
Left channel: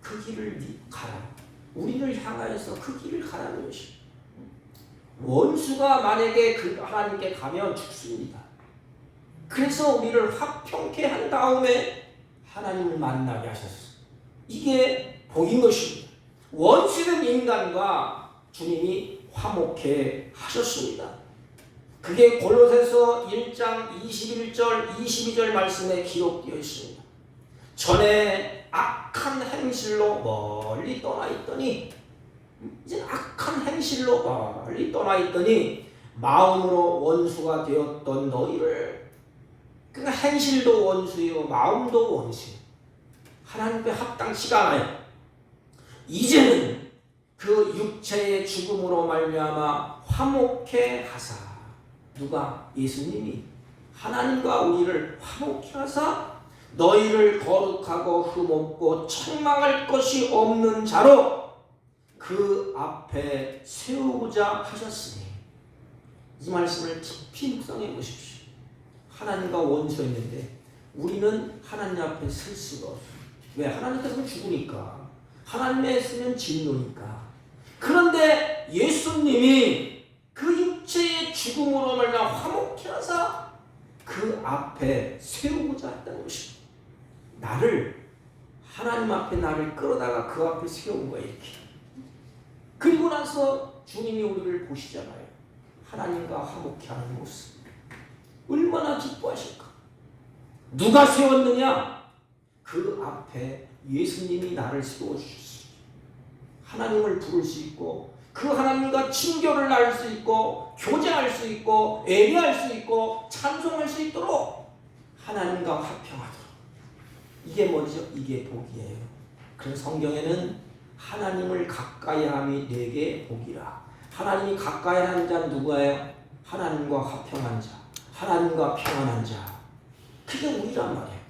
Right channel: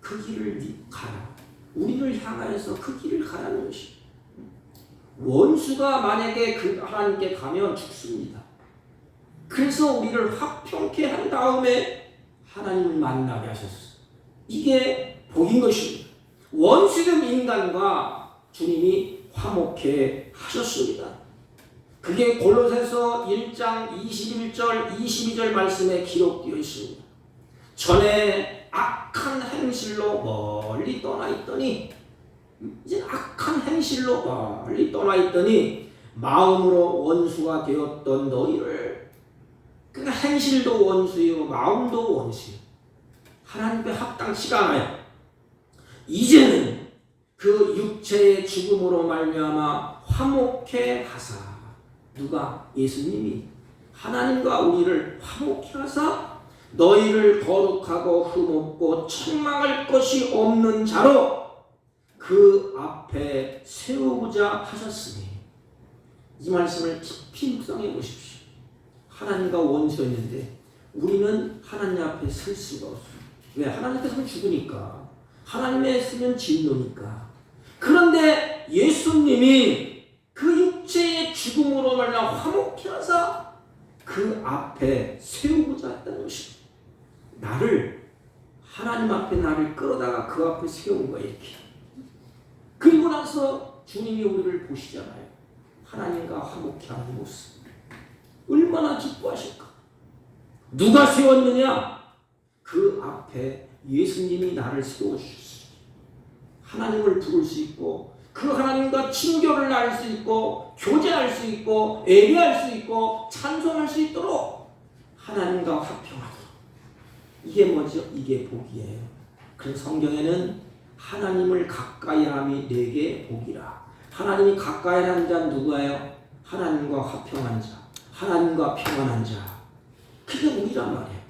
그 길을 가라. 우리를 향하여서 그 길을 가라는 것이. 원수가 만약에 그 하나님께 가면 죽습니다. 그래서 우리를 화평케 한 다음에 하나님을 만나게 하셨어요. 이게 복인 것입니다. 원수된 인간과 주님이 화목케 하셨습니다. 그게 골로새서 1장 21절 22절 말씀에 기록되어 있습니다. 전에 악한 행실로 멀리 떠나 있더니 이제 악한 행실로 멀리 떠나 있더니 마음으로 원수가 되었던 너희를, 그러니까 행실도 원수요 마음도 원수요, 하나님께 합당치가 않아요. 이제는 그 육체의 죽음으로 말미암아 화목케 하사, 누가? 예수님이 하나님과 우리를 화목케 하사 너희를 거룩하고 흠없고 책망할 것이 없는 자로 그 앞에 세우고자 하셨으니, 이 말씀을 깊이 묵상해 보십시오. 하나님과 원수였는데 우리는 하나님 앞에 설 수가 없어요. 왜? 하나님께서는 죽으니까, 하나님의 쓰는 진노니까. 그런데 예수님이 그 육체의 죽음으로 말미암아 화목케 하사 그 앞에 세우고자 했다는 것입니다. 나를, 하나님 앞에 나를 끌어다가 그 앞에 세운 거예요. 이렇게. 그리고 나서 주님이 우리를 보시잖아요. 하나님과 화목케 하는 모습. 얼마나 기뻐하실까? 누가 세웠느냐? 그 앞에 예수님이 나를 세워주셨어요. 하나님을 부를 수 있고 그 하나님과 친교를 나눌 수 있고 교제할 수 있고 예배할 수 있고 찬송할 수 있도록 하나님과 화평하도록. 이게 뭐죠? 이게 복이에요. 그래서 성경에는 하나님을 가까이함이 내게 복이라. 하나님이 가까이 하는 자는 누구예요? 하나님과 화평한 자, 하나님과 평안한 자. 그게 우리란 말이에요.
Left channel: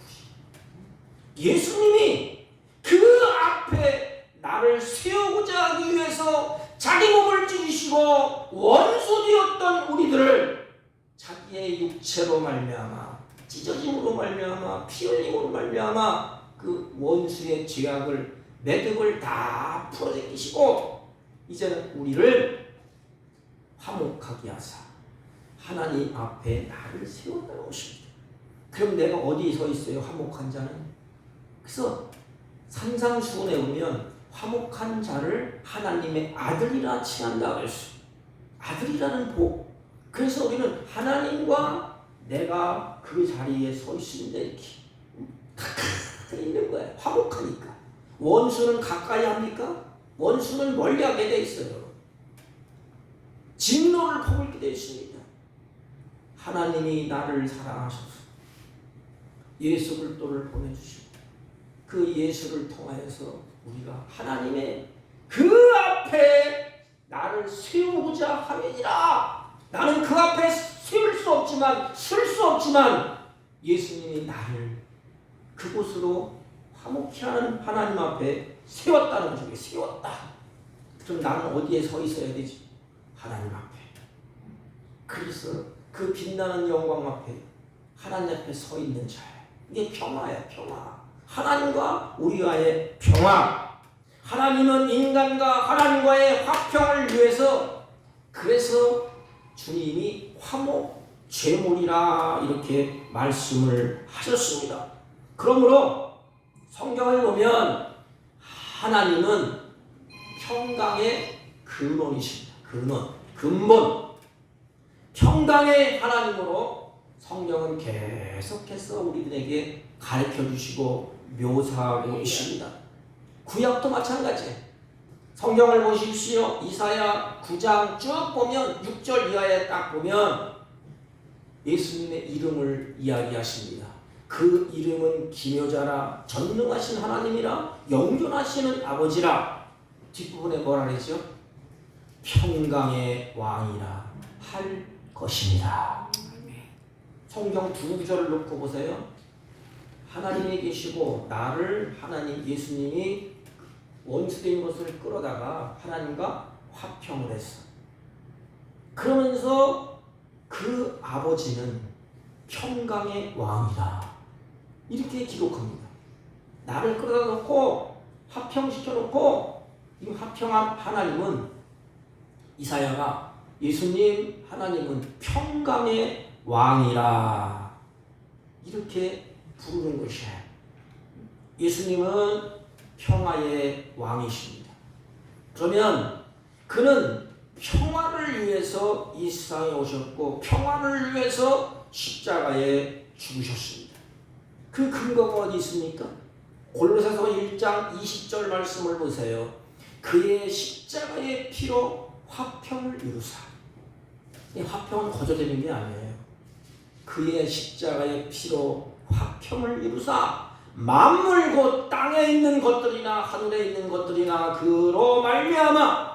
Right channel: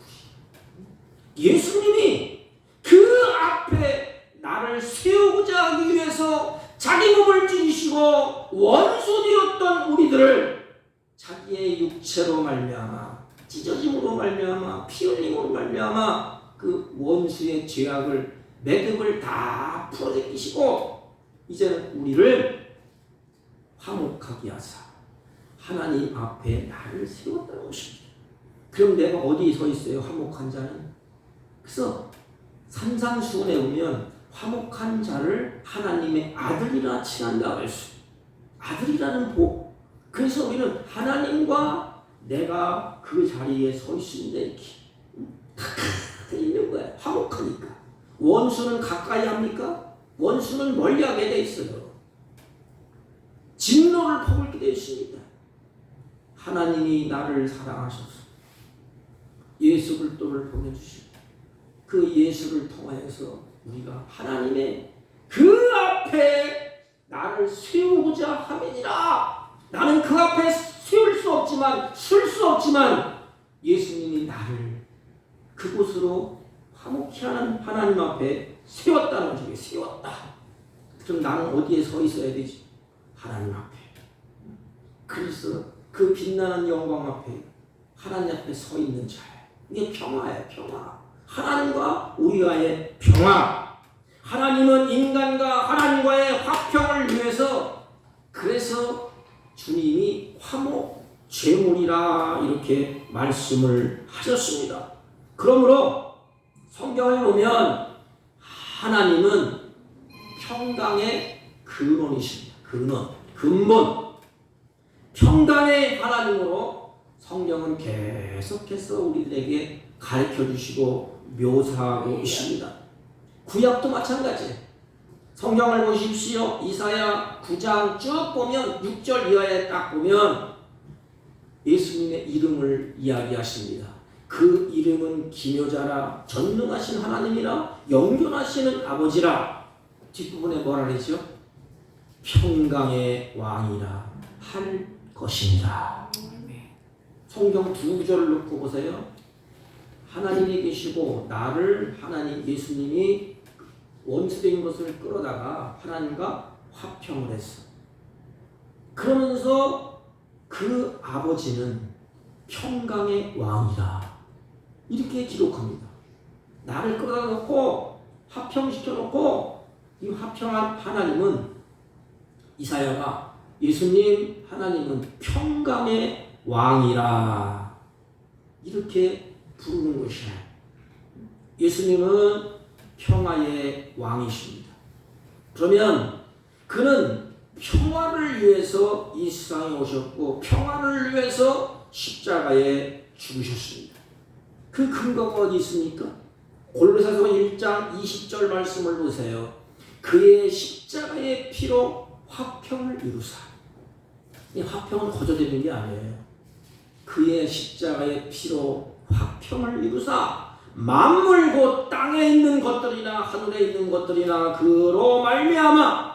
예수님이 그 앞에 나를 세우고자 하기 위해서 자기 몸을 찢으시고 원수 되었던 우리들을 자기의 육체로 말미암아 찢어짐으로 말미암아 피 흘림으로 말미암아 그 원수의 죄악을 매듭을 다 풀어제끼시고 이제는 우리를 화목하게 하사 하나님 앞에 나를 세웠다 오십니다. 그럼 내가 어디 서 있어요? 화목한 자는. 그래서 산상수훈에 오면 화목한 자를 하나님의 아들이라 칭한다 그랬어요. 아들이라는 복. 그래서 우리는 하나님과 내가 그 자리에 서 있습니다. 이렇게 가까이 있는 거예요. 화목하니까. 원수는 가까이 합니까? 원수는 멀리하게 돼 있어요. 진노를 퍼붓게 되어 있습니다. 하나님이 나를 사랑하셔서 예수 그리스도를 보내주시고 그 예수를 통하여서 우리가 하나님의 그 앞에 나를 세우고자 함이니라. 나는 그 앞에 세울 수 없지만 쓸 수 없지만 예수님이 나를 그곳으로 화목히 하는 하나님 앞에 세웠다는 적이 세웠다. 그럼 나는 어디에 서 있어야 되지? 하나님 앞에. 그래서 그 빛나는 영광 앞에 하나님 앞에 서 있는 자예요. 이게 평화예요. 평화. 하나님과 우리와의 평화. 하나님은 인간과 하나님과의 화평을 위해서 그래서 주님이 화목 제물이라 이렇게 말씀을 하셨습니다. 그러므로 성경을 보면 하나님은 평강의 근원이십니다. 근본. 평강의 하나님으로 성경은 계속해서 우리들에게 가르쳐 주시고 묘사하고 있습니다. 구약도 마찬가지예요. 성경을 보십시오. 이사야 9장 쭉 보면 6절 이하에 딱 보면 예수님의 이름을 이야기하십니다. 그 이름은 기묘자라 전능하신 하나님이라 영존하시는 아버지라. 뒷부분에 뭐라 그랬죠? 평강의 왕이라 할 것입니다. 성경 두 구절을 놓고 보세요. 하나님이 계시고 나를 하나님 예수님이 원수된 것을 끌어다가 하나님과 화평을 했어. 그러면서 그 아버지는 평강의 왕이다. 이렇게 기록합니다. 나를 끌어다 놓고 화평시켜 놓고 이 화평한 하나님은 이사야가 예수님 하나님은 평강의 왕이라 이렇게 부르는 것이에요. 예수님은 평화의 왕이십니다. 그러면 그는 평화를 위해서 이 세상에 오셨고 평화를 위해서 십자가에 죽으셨습니다. 그 근거가 어디 있습니까? 골로새서 1장 20절 말씀을 보세요. 그의 십자가의 피로 화평을 이루사. 이 화평은 거저되는 게 아니에요. 그의 십자가의 피로 화평을 이루사 만물 곧 땅에 있는 것들이나 하늘에 있는 것들이나 그로 말미암아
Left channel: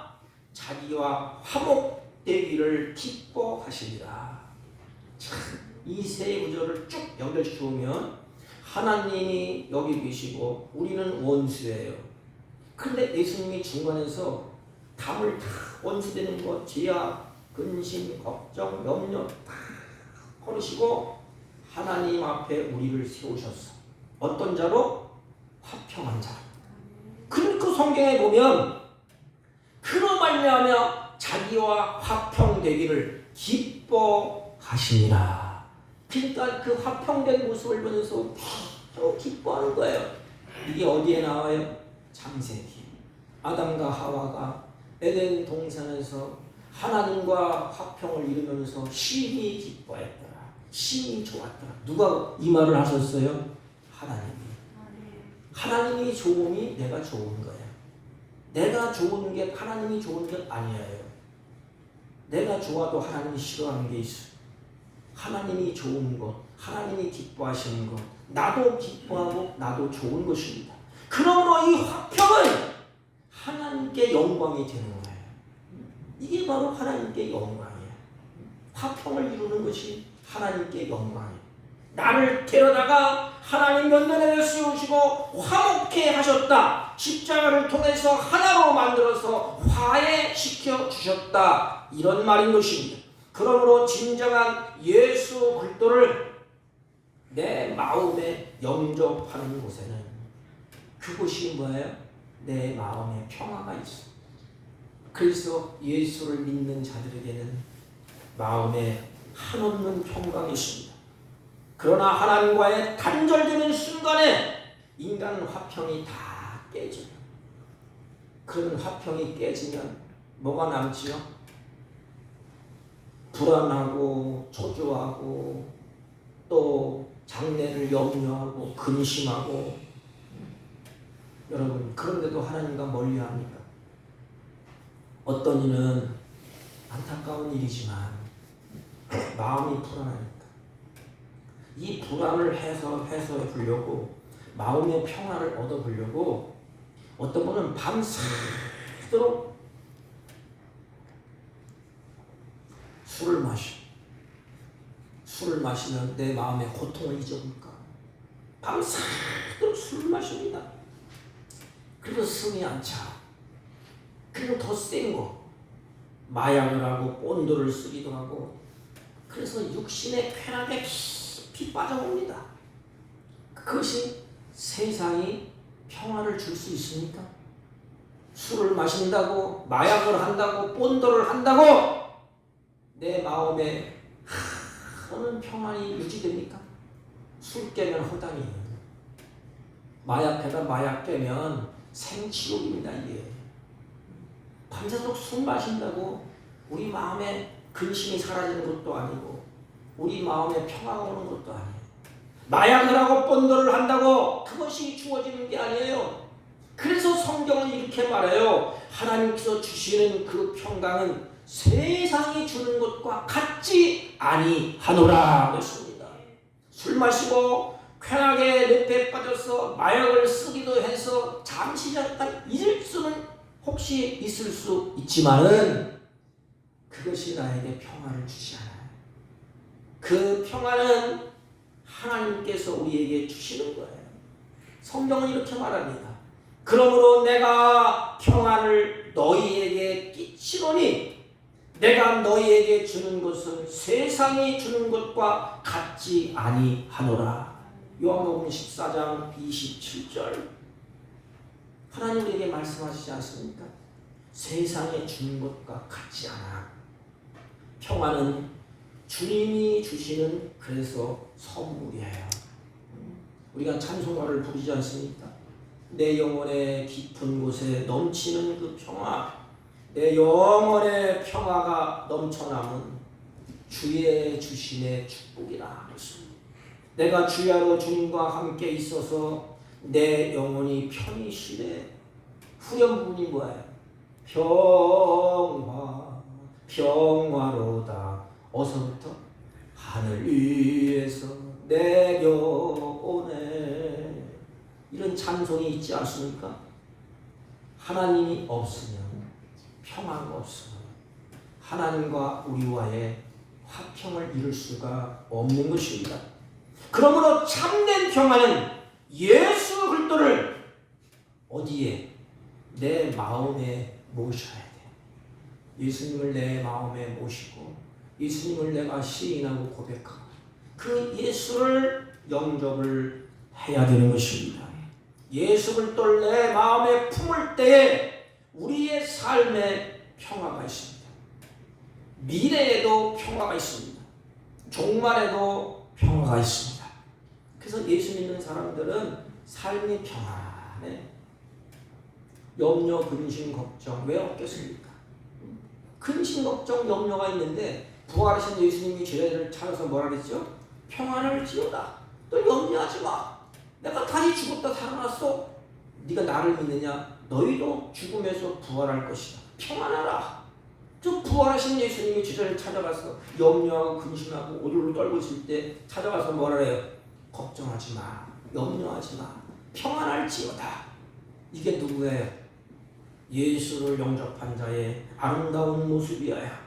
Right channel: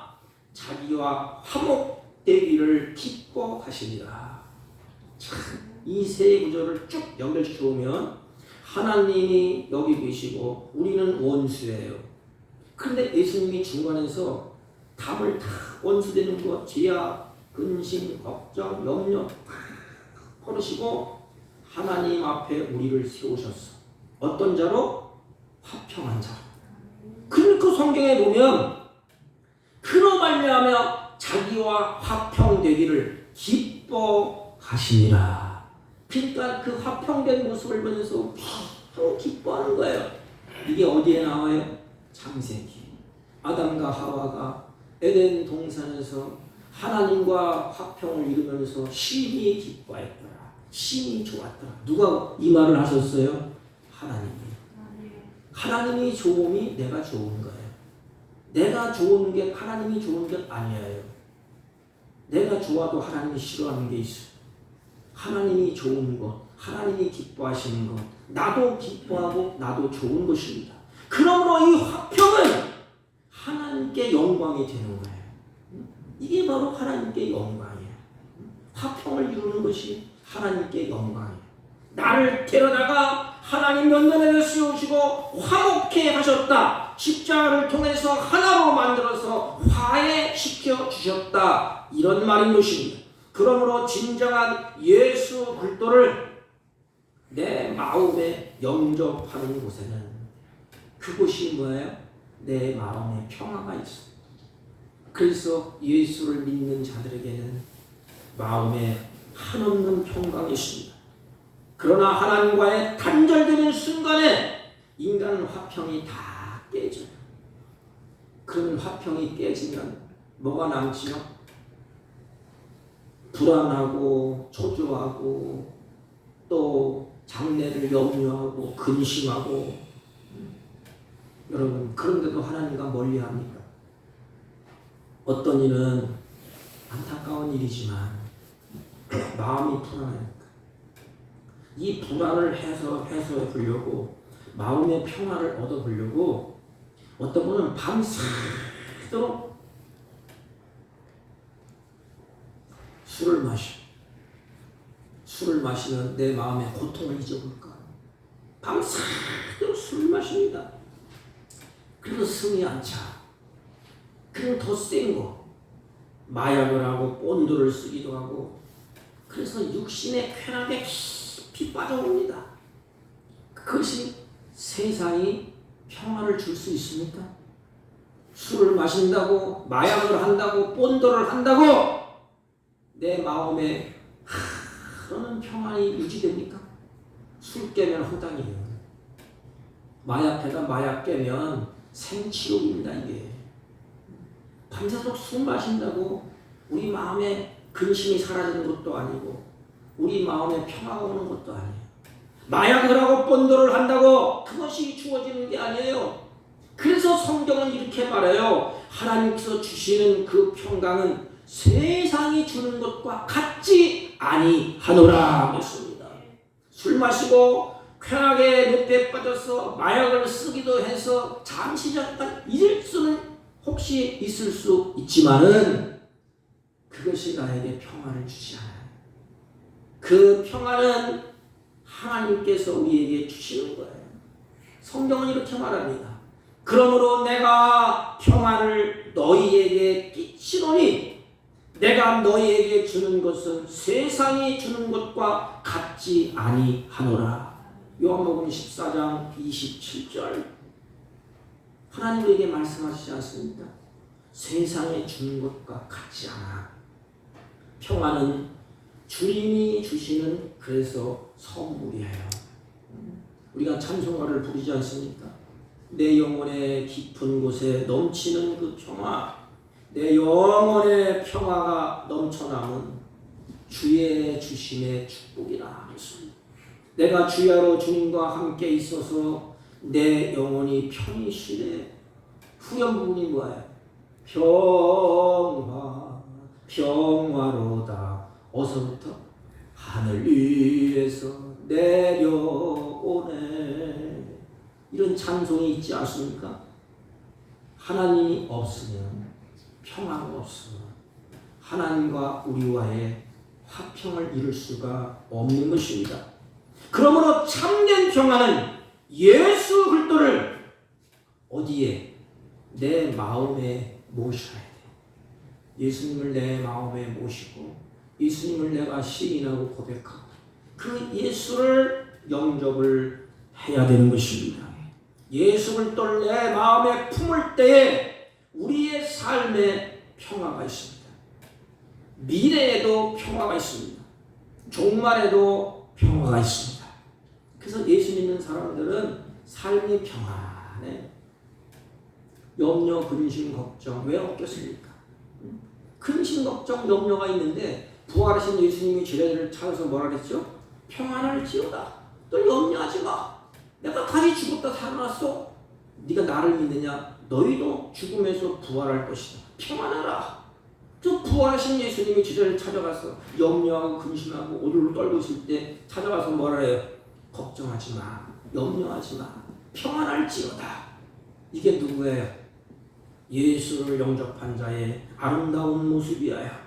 자기와 화목되기를 기뻐하시리라. 이 세 구절을 쭉 연결시켜 보면 하나님이 여기 계시고 우리는 원수예요. 그런데 예수님이 중간에서 답을 다 원수되는 것, 죄악, 근심, 걱정, 염려 다 걸으시고 하나님 앞에 우리를 세우셨어. 어떤 자로? 화평한 자로. 그러니까 성경에 보면 그로 말미암아 자기와 화평되기를 기뻐하시니라. 그러니까 그 화평된 모습을 보면서 또 기뻐하는 거예요. 이게 어디에 나와요? 창세기. 아담과 하와가 에덴 동산에서 하나님과 화평을 이루면서 심히 기뻐했더라. 심히 좋았더라. 누가 이 말을 하셨어요? 하나님이. 하나님이 좋음이 내가 좋은 거예요. 내가 좋은 게 하나님이 좋은 게 아니에요. 내가 좋아도 하나님이 싫어하는 게 있어. 하나님이 좋은 것, 하나님이 기뻐하시는 것, 나도 기뻐하고 나도 좋은 것입니다. 그러므로 이 화평은 하나님께 영광이 되는 거예요. 이게 바로 하나님께 영광이에요. 화평을 이루는 것이 하나님께 영광이에요. 나를 데려다가 하나님 면전에 세우시고 화목케 하셨다. 십자가를 통해서 하나로 만들어서 화해시켜 주셨다. 이런 말인 것입니다. 그러므로 진정한 예수 그리스도를 내 마음에 영접하는 곳에는 그곳이 뭐예요? 내 마음에 평화가 있어. 그래서 예수를 믿는 자들에게는 마음에 한없는 평강이 있습니다. 그러나 하나님과의 단절되는 순간에 인간은 화평이 다 깨져요. 그런 화평이 깨지면 뭐가 남지요? 불안하고 초조하고 또 장래를 염려하고 근심하고. 여러분, 그런데도 하나님과 멀리합니까? 어떤 일은 안타까운 일이지만 마음이 불안하니까 이 불안을 해소해 보려고, 마음의 평화를 얻어 보려고 어떤 분은 밤새도록 술을 마시면 내 마음의 고통을 잊어볼까? 밤새도록 술을 마십니다. 그래서 승이 안 차. 그리고 더 센 거, 마약을 하고 본드를 쓰기도 하고, 그래서 육신의 쾌락에 깊이 빠져봅니다. 그것이 세상이 평화를 줄 수 있습니까? 술을 마신다고, 마약을 한다고, 본드를 한다고 내 마음에 그런 평안이 유지됩니까? 술 깨면 허당이에요. 마약 깨면 생치욕입니다. 이게 밤새도록 술 마신다고 우리 마음에 근심이 사라지는 것도 아니고 우리 마음에 평화가 오는 것도 아니에요. 마약을 하고 본도를 한다고 그것이 주어지는 게 아니에요. 그래서 성경은 이렇게 말해요. 하나님께서 주시는 그 평강은 세상이 주는 것과 같지 아니하노라 그랬습니다. 술 마시고 쾌락의 늪에 빠져서 마약을 쓰기도 해서 잠시 잠깐 잊을 수는 혹시 있을 수 있지만은 그것이 나에게 평화를 주지 않아요. 그 평화는 하나님께서 우리에게 주시는 거예요. 성경은 이렇게 말합니다. 그러므로 내가 평화를 너희에게 끼치노니 내가 너희에게 주는 것은 세상이 주는 것과 같지 아니하노라. 요한복음 14장 27절. 하나님 우리에게 말씀하시지 않습니까? 세상에 주는 것과 같지 않아. 평화는 주님이 주시는 그래서 선물이에요. 우리가 찬송가를 부르지 않습니까? 내 영혼의 깊은 곳에 넘치는 그 평화, 내 영혼의 평화가 넘쳐나는 주의 주심의 축복이라 그랬습니다. 내가 주야로 주님과 함께 있어서 내 영혼이 편히 쉬네. 후렴 부분이 뭐예요? 평화로다. 어서부터 하늘 위에서 내려오네. 이런 찬송이 있지 않습니까? 하나님이 없으면 평화가 없어. 하나님과 우리와의 화평을 이룰 수가 없는 것입니다. 그러므로 참된 평화는 예수 그리스도를 어디에? 내 마음에 모셔야 돼. 예수님을 내 마음에 모시고 예수님을 내가 시인하고 고백하고 그 예수를 영접을 해야 되는 것입니다. 예수를 또 내 마음에 품을 때에 우리의 삶에 평화가 있습니다. 미래에도 평화가 있습니다. 종말에도 평화가 있습니다. 그래서 예수 믿는 사람들은 삶이 평안해. 염려, 근심, 걱정 왜 없겠습니까? 근심, 걱정, 염려가 있는데 부활하신 예수님이 죄를 찾아서 뭐라 그랬죠? 평안할지어다. 또 염려하지 마. 내가 다시 죽었다 살아났어. 네가 나를 믿느냐? 너희도 죽음에서 부활할 것이다. 평안해라. 저 부활하신 예수님이 죄를 찾아가서 염려하고 근심하고 오들로 떨고 있을 때 찾아가서 뭐라 해요? 걱정하지 마. 염려하지 마. 평안할지어다. 이게 누구예요? 예수를 영접한 자의 아름다운 모습이에요.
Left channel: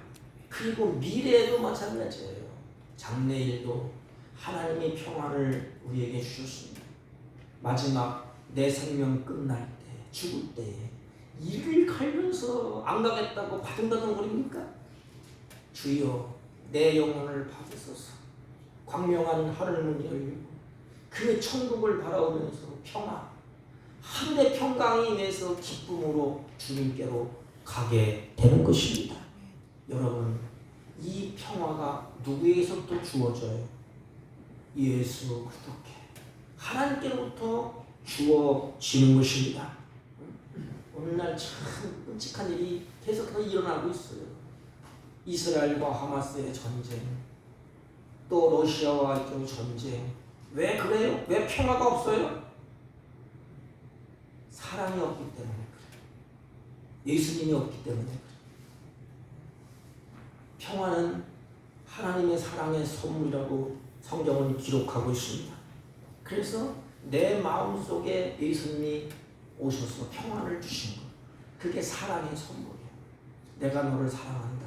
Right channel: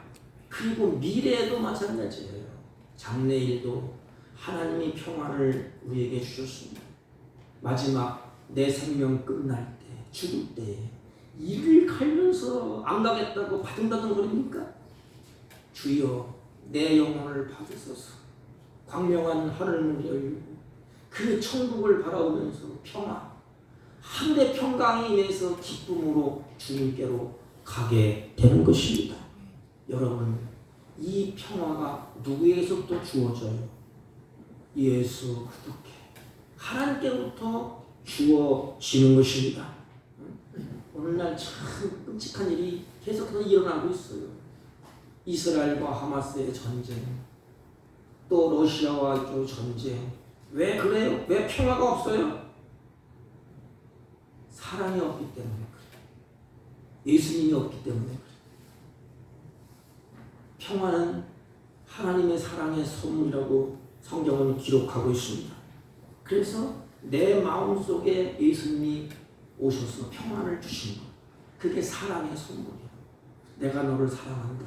그리고 미래에도 마찬가지예요. 장래일도 하나님이 평안을 우리에게 주셨습니다. 마지막 내 생명 끝날 때, 죽을 때 이를 갈면서 안 가겠다고 바둥바둥 거립니까? 주여 내 영혼을 받으소서. 광명한 하늘문을 열고 그 천국을 바라보면서 평안, 하늘의 평강이 임해서 기쁨으로 주님께로 가게 되는 것입니다. 여러분, 이 평화가 누구에게서부터 주어져요? 예수 그리스도께, 하나님께로부터 주어지는 것입니다. 오늘날 참 끔찍한 일이 계속해서 일어나고 있어요. 이스라엘과 하마스의 전쟁, 또 러시아와 또 전쟁. 왜 그래요? 왜 평화가 없어요? 사랑이 없기 때문에 그래요. 예수님이 없기 때문에 그래요. 평화는 하나님의 사랑의 선물이라고 성경은 기록하고 있습니다. 그래서 내 마음속에 예수님이 오셔서 평안을 주신 것, 그게 사랑의 선물이에요. 내가 너를 사랑한다.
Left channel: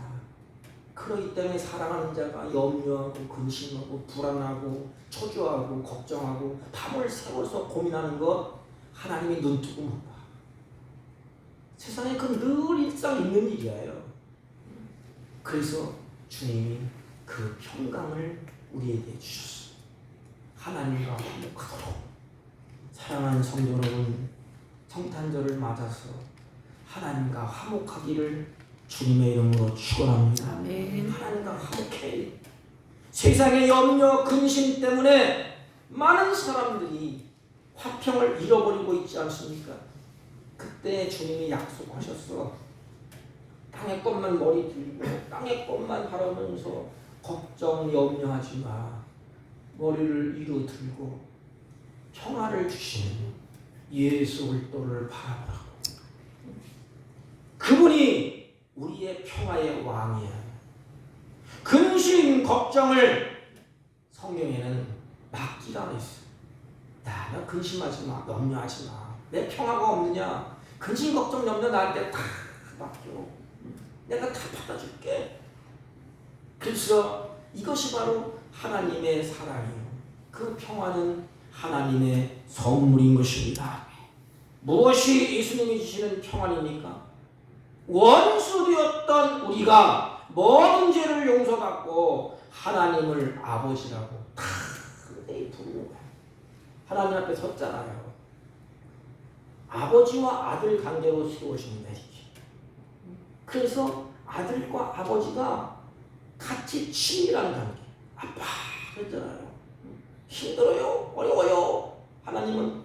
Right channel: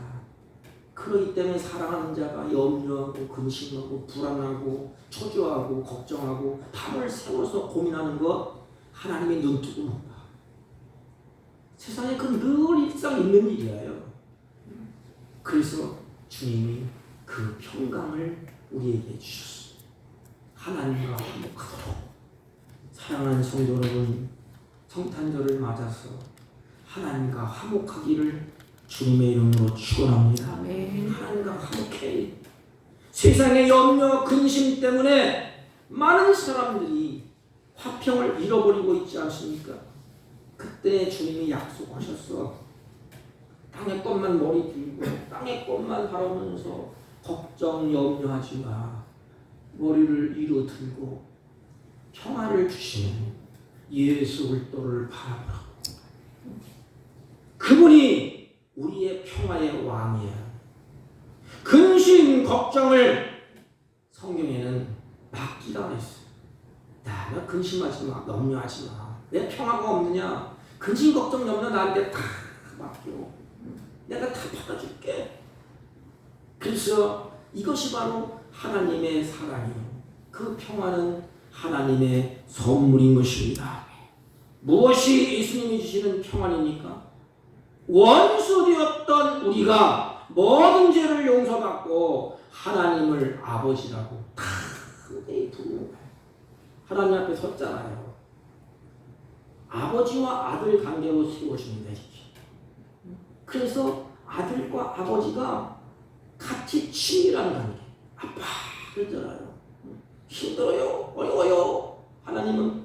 그렇기 때문에 사랑하는 자가 염려하고 근심하고 불안하고 초조하고 걱정하고 밤을 새워서 고민하는 것, 하나님이 눈 뜨고 본다. 세상에 그 늘 일상 있는 일이에요. 그래서 주님이 그 평강을 우리에게 주셨어요. 하나님과 화목하도록. 사랑하는 성도 여러분, 성탄절을 맞아서 하나님과 화목하기를 주님의 이름으로 축원합니다. 하나님과 화목해. 세상의 염려, 근심 때문에 많은 사람들이 화평을 잃어버리고 있지 않습니까? 그때 주님이 약속하셨어. 땅의 것만 머리 들고 땅의 것만 바라보면서 걱정, 염려하지 마. 머리를 위로 들고 평화를 주시는 예수 그리스도를 바라보라. 그분이 우리의 평화의 왕이에요. 근심, 걱정을 성경에는 맡기라 했어요. 너 근심하지 마, 염려하지 마. 내 평화가 없느냐? 근심, 걱정, 염려 나한테 다 맡겨. 내가 다 받아줄게. 그래서 이것이 바로 하나님의 사랑이에요. 그 평화는 하나님의 선물인 것입니다. 무엇이 예수님이 주시는 평안입니까? 원수 되었던 우리가 모든 죄를 용서받고 하나님을 아버지라고 다 부르는 거예요. 하나님 앞에 섰잖아요. 아버지와 아들 관계로 세워집니다. 이렇게. 그래서 아들과 아버지가 같이 친밀한 관계. 아빠 그랬잖아요. 힘들어요, 어려워요. 하나님은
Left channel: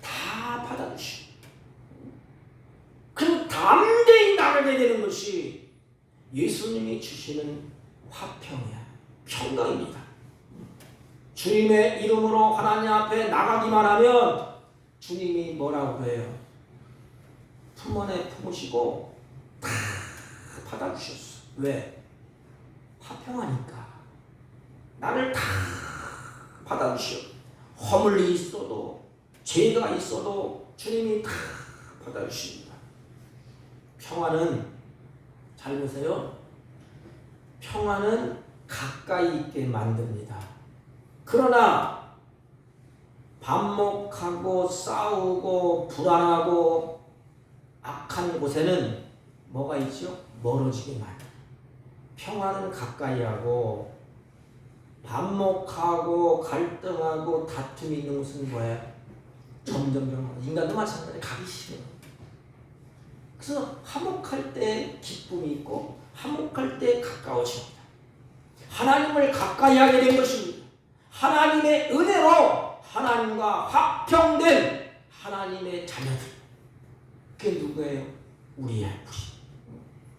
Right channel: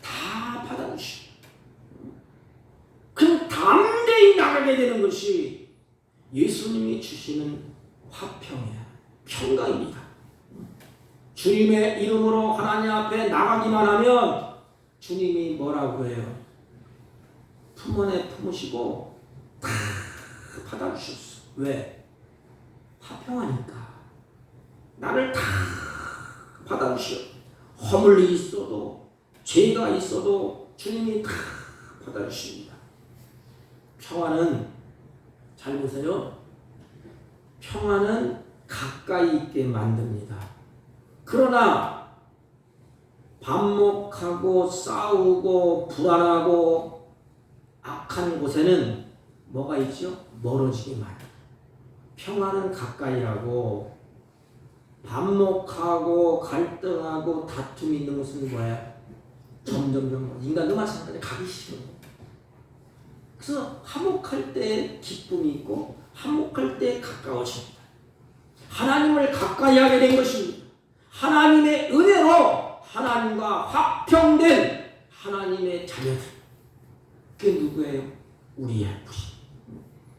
다 받아주시고, 그럼 담대히 나가게 되는 것이 예수님이 주시는 화평이야, 평강입니다. 주님의 이름으로 하나님 앞에 나가기만 하면 주님이 뭐라고 해요? 품 안에 품으시고 다 받아주셨어. 왜? 화평하니까. 나를 다 받아주셔. 허물이 있어도 죄가 있어도 주님이 다 받아주십니다. 평화는, 잘 보세요, 평화는 가까이 있게 만듭니다. 그러나 반목하고 싸우고 불안하고 악한 곳에는 뭐가 있죠? 멀어지게 만듭니다. 평화는 가까이 하고 반목하고 갈등하고 다툼이 있는 것은 뭐예요? 점점점 인간도 마찬가지로 가기 싫어요. 그래서 화목할 때 기쁨이 있고 화목할 때 가까워집니다. 하나님을 가까이 하게 된 것입니다. 하나님의 은혜로 하나님과 화평된 하나님의 자녀들. 그게 누구예요? 우리의 우리.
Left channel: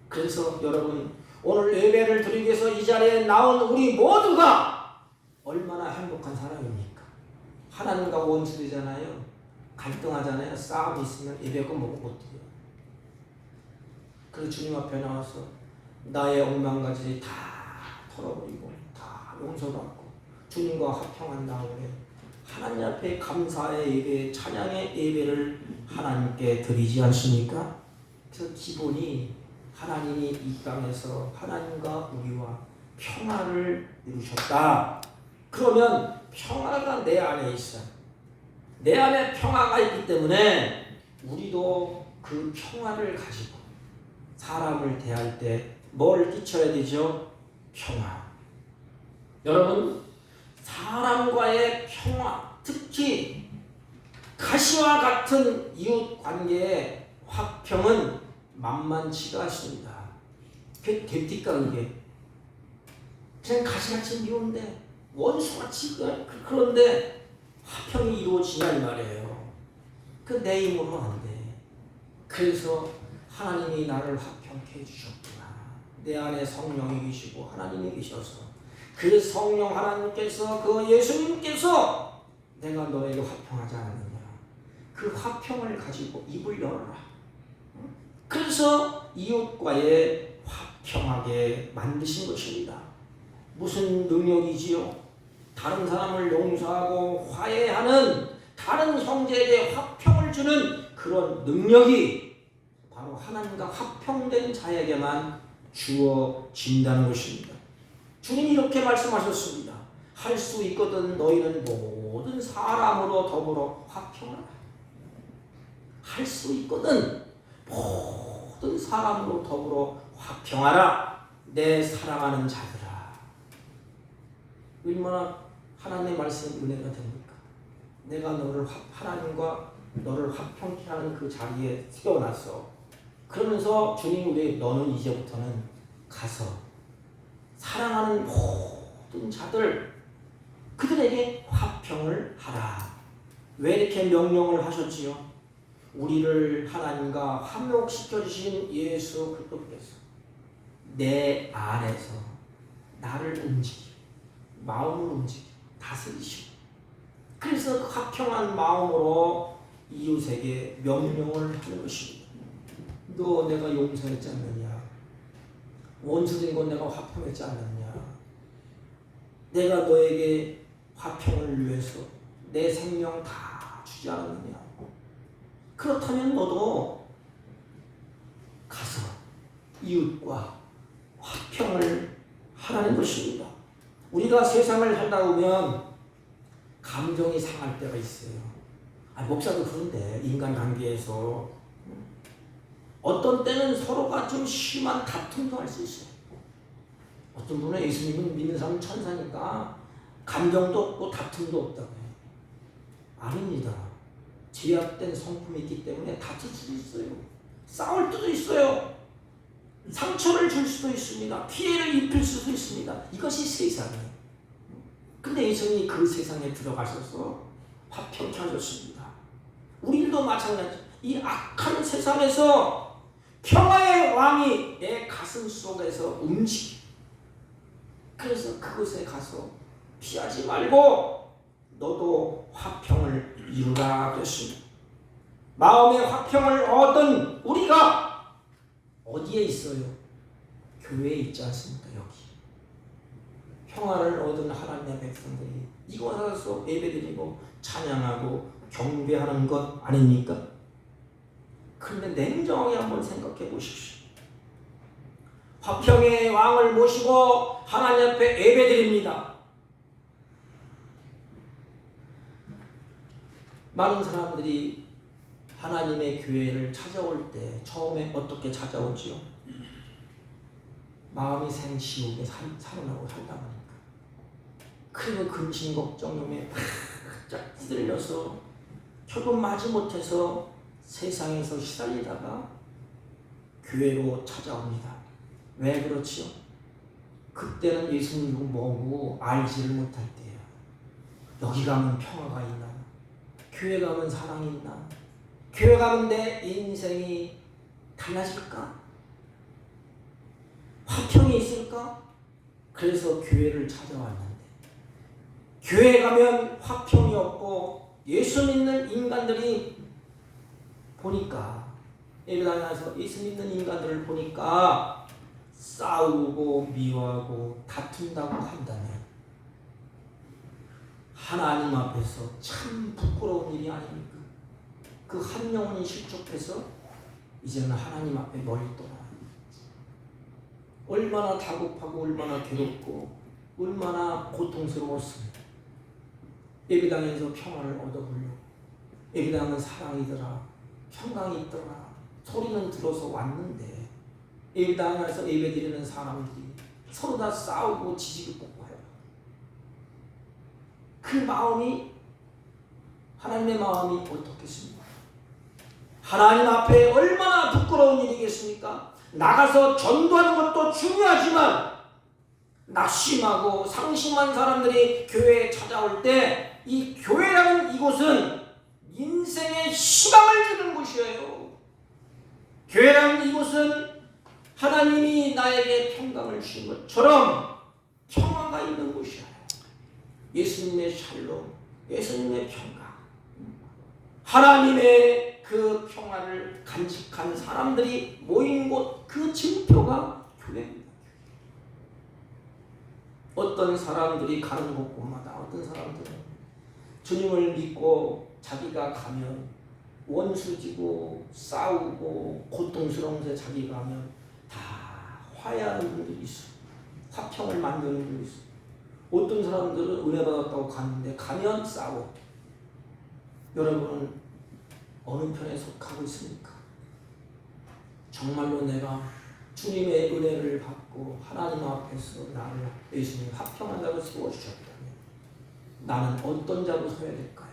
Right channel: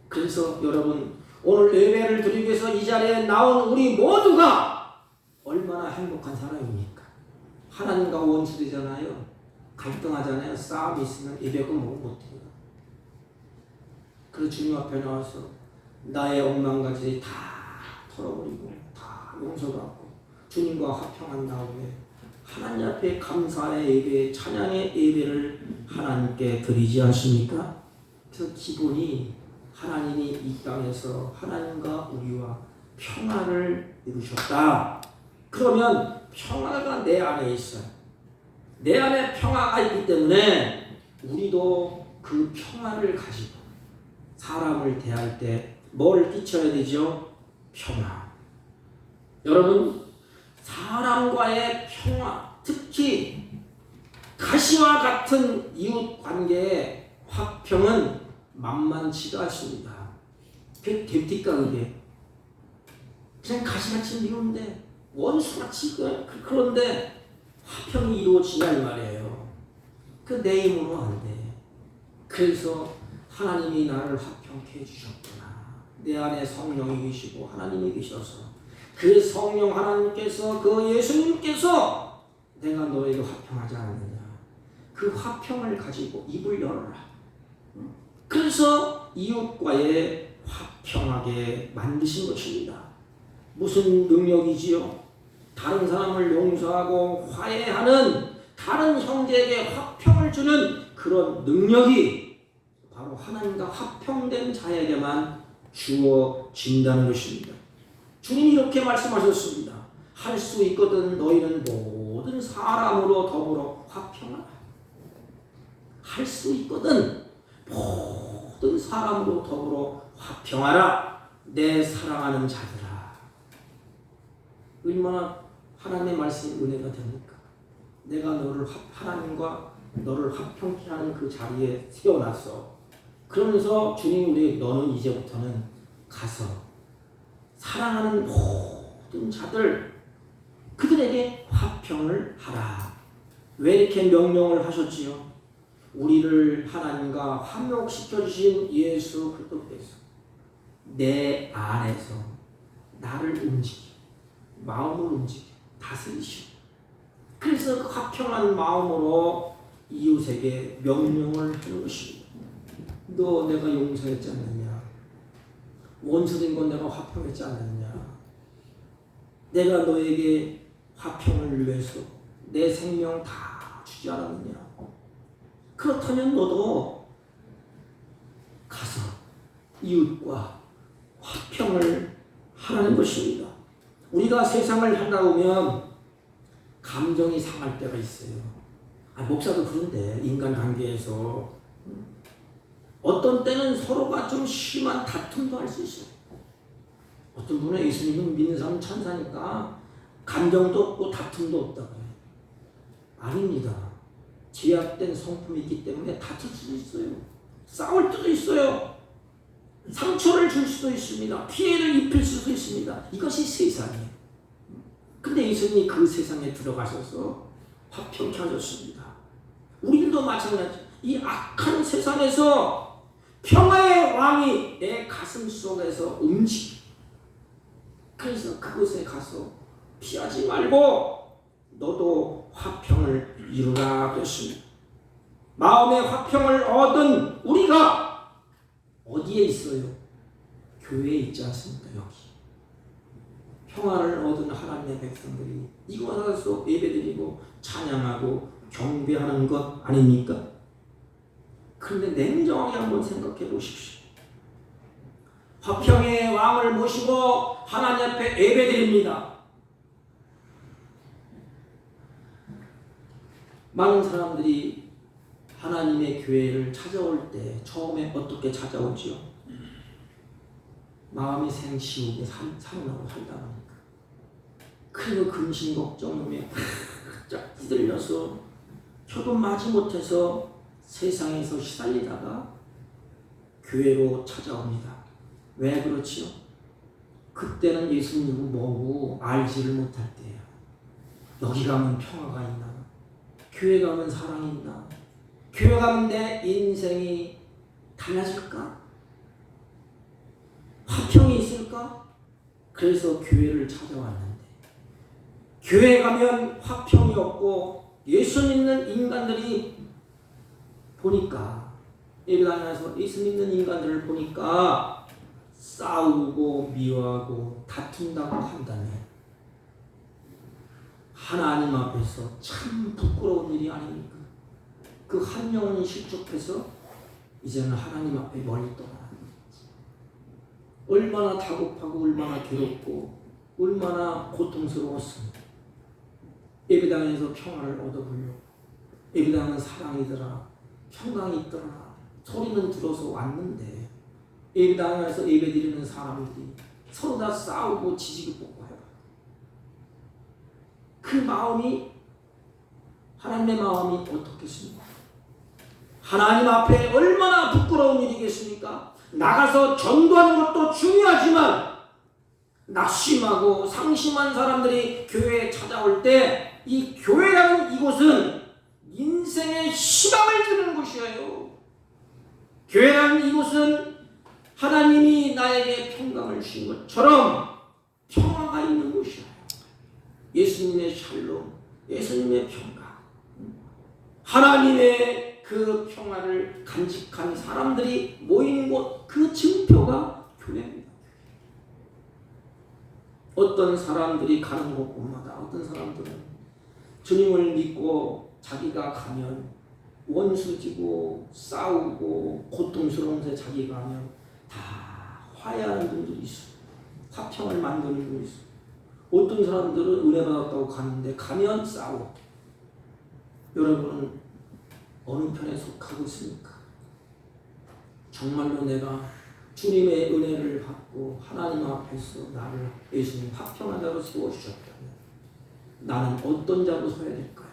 그래서 여러분, 오늘 예배를 드리기 위해서 이 자리에 나온 우리 모두가 얼마나 행복한 사람입니까? 하나님과 원수되잖아요. 갈등하잖아요. 싸움이 있으면 예배가 못 드려요. 그래서 주님 앞에 나와서 나의 억만가지 다 털어버리고 다 용서받고 주님과 화평한 다음에 하나님 앞에 감사의 예배, 찬양의 예배를 하나님께 드리지 않습니까? 그래서 기본이 하나님이 이 땅에서 하나님과 우리와 평화를 이루셨다. 그러면 평화가 내 안에 있어요. 내 안에 평화가 있기 때문에 우리도 그 평화를 가지고 사람을 대할 때 뭘 끼쳐야 되죠? 평화. 여러분, 사람과의 평화, 특히 가시와 같은 이웃 관계의 화평은 만만치가 않습니다. 그게 됩니까, 그게? 그냥 가시같이 미운데, 원수같이 그런데 화평이 이루어지냐 이 말이에요. 그 내 힘으로 안 돼. 그래서 하나님이 나를 화평케 해주셨구나. 내 안에 성령이 계시고 하나님이 계셔서 그 성령 하나님께서 그 예수님께서 내가 너에게 화평하지 않았느냐. 그 화평을 가지고 입을 열어라. 그래서 이웃과의 화평하게 만드신 것입니다. 무슨 능력이지요? 다른 사람을 용서하고 화해하는 다른 형제에게 화평을 주는 그런 능력이 바로 하나님과 화평된 자에게만 주어진다는 것입니다. 주님이 이렇게 말씀하셨습니다. 할 수 있거든 너희는 모든 사람으로 더불어 화평하라. 할 수 있거든 모든 사람으로 더불어 화평하라. 내 사랑하는 자들아. 얼마나 하나님의 말씀이 은혜가 됩니까? 내가 너를 하나님과 너를 화평케 하는 그 자리에 세워놨어. 그러면서 주님이 우리 너는 이제부터는 가서 사랑하는 모든 자들 그들에게 화평을 하라. 왜 이렇게 명령을 하셨지요? 우리를 하나님과 화목시켜 주신 예수 그리스도께서 내 안에서 나를 움직여 마음을 움직여 다스리시고 그래서 그 화평한 마음으로 이웃에게 명령을 하는 것입니다. 너 내가 용서했지 않느냐? 원수된 건 내가 화평했지 않느냐? 내가 너에게 화평을 위해서 내 생명 다 주지 않았느냐? 그렇다면 너도 가서 이웃과 화평을 하라는 것입니다. 우리가 세상을 살다 보면 감정이 상할 때가 있어요. 목사도 그런데 인간관계에서 어떤 때는 서로가 좀 심한 다툼도 할 수 있어요. 어떤 분은 예수님은 믿는 사람 천사니까 감정도 없고 다툼도 없다고 해요. 아닙니다. 제약된 성품이 있기 때문에 다툴 수도 있어요. 싸울 수도 있어요. 상처를 줄 수도 있습니다. 피해를 입힐 수도 있습니다. 이것이 세상이에요. 근데 예수님이 그 세상에 들어가셔서 화평케 하셨습니다. 우리도 마찬가지. 이 악한 세상에서 평화의 왕이 내 가슴 속에서 움직여. 그래서 그곳에 가서 피하지 말고 너도 화평을 이루라 그랬습니다. 마음의 화평을 얻은 우리가 어디에 있어요? 교회에 있지 않습니까? 여기. 평화를 얻은 하나님의 백성들이 이곳 와서 예배드리고 찬양하고 경배하는 것 아닙니까? 그런데 냉정하게 한번 생각해 보십시오. 화평의 왕을 모시고 하나님 앞에 예배드립니다. 많은 사람들이 하나님의 교회를 찾아올 때 처음에 어떻게 찾아오지요? 마음이 생시우게 사는하고 살다 보니까 그리고 근심 걱정에 바짝 찌들려서 표도 마지 못해서 세상에서 시달리다가 교회로 찾아옵니다. 왜 그렇지요? 그때는 예수님은 뭐고 알지를 못할 때예요. 여기 가면 평화가 있나? 교회 가면 사랑이 있나? 교회 가면 내 인생이 달라질까? 화평이 있을까? 그래서 교회를 찾아왔는데 교회 가면 화평이 없고 예수 믿는 인간들이 보니까 예배당에서 예수 믿는 인간들을 보니까 싸우고 미워하고 다툰다고 한다면 하나님 앞에서 참 부끄러운 일이 아닙니까? 그 한 영혼이 실족해서 이제는 하나님 앞에 멀리 떠나는 얼마나 다급하고 얼마나 괴롭고 얼마나 고통스러웠습니다. 예배당에서 평화를 얻어보려고. 예배당은 사랑이더라, 평강이 있더라 소리는 들어서 왔는데 예배당 안에서 예배드리는 사람들이 서로 다 싸우고 지지고 볶고 해요. 그 마음이 하나님의 마음이 어떻겠습니까? 하나님 앞에 얼마나 부끄러운 일이겠습니까? 나가서 전도하는 것도 중요하지만 낙심하고 상심한 사람들이 교회에 찾아올 때 이 교회라는 이곳은 인생의 희망을 주는 곳이에요. 교회라는 이곳은 하나님이 나에게 평강을 주신 것처럼 평화가 있는 곳이에요. 예수님의 샬롬, 예수님의 평강, 하나님의 그 평화를 간직한 사람들이 모인 곳, 그 증표가 교회입니다. 어떤 사람들이 가는 곳마다 어떤 사람들은 주님을 믿고 자기가 가면 원수지고 싸우고 고통스러운 데 자기가 가면 다 화해하는 분들이 있어요. 화평을 만드는 분들이 있어요. 어떤 사람들은 은혜 받았다고 가는데 가면 싸워. 여러분은 어느 편에 속하고 있습니까? 정말로 내가 주님의 은혜를 받고 하나님 앞에서 나를 예수님 화평한 자로 세워주셨다면 나는 어떤 자로 서야 될까요?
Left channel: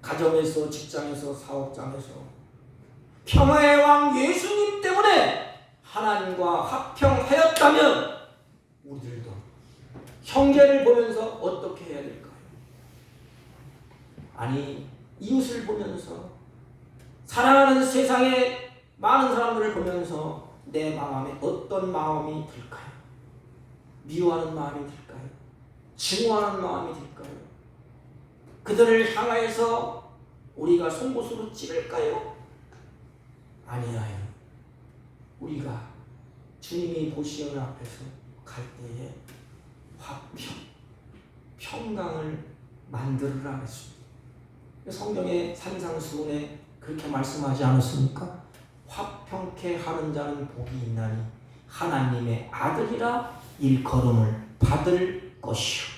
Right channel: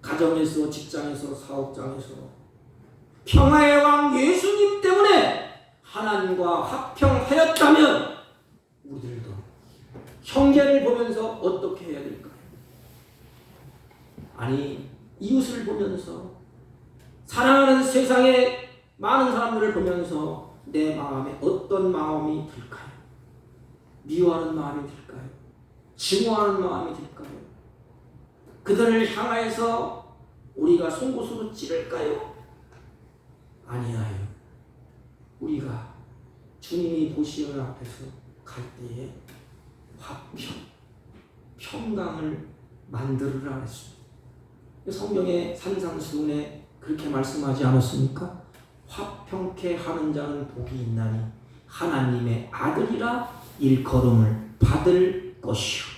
가정에서, 직장에서, 사업장에서 평화의 왕 예수님 때문에 하나님과 화평하였다면 우리들도 형제를 보면서 어떻게 해야 될까요? 아니 이웃을 보면서 사랑하는 세상의 많은 사람들을 보면서 내 마음에 어떤 마음이 들까요? 미워하는 마음이 들까요? 증오하는 마음이 들까요? 그들을 향하여서 우리가 송곳으로 찌를까요? 아니에요. 우리가 주님이 보시는 앞에서 갈 때에 화평, 평강을 만들으라 했습니다. 성경의 산상수훈에 그렇게 말씀하지 않았습니까? 화평케 하는 자는 복이 있나니 하나님의 아들이라 일컬음을 받을 것이요.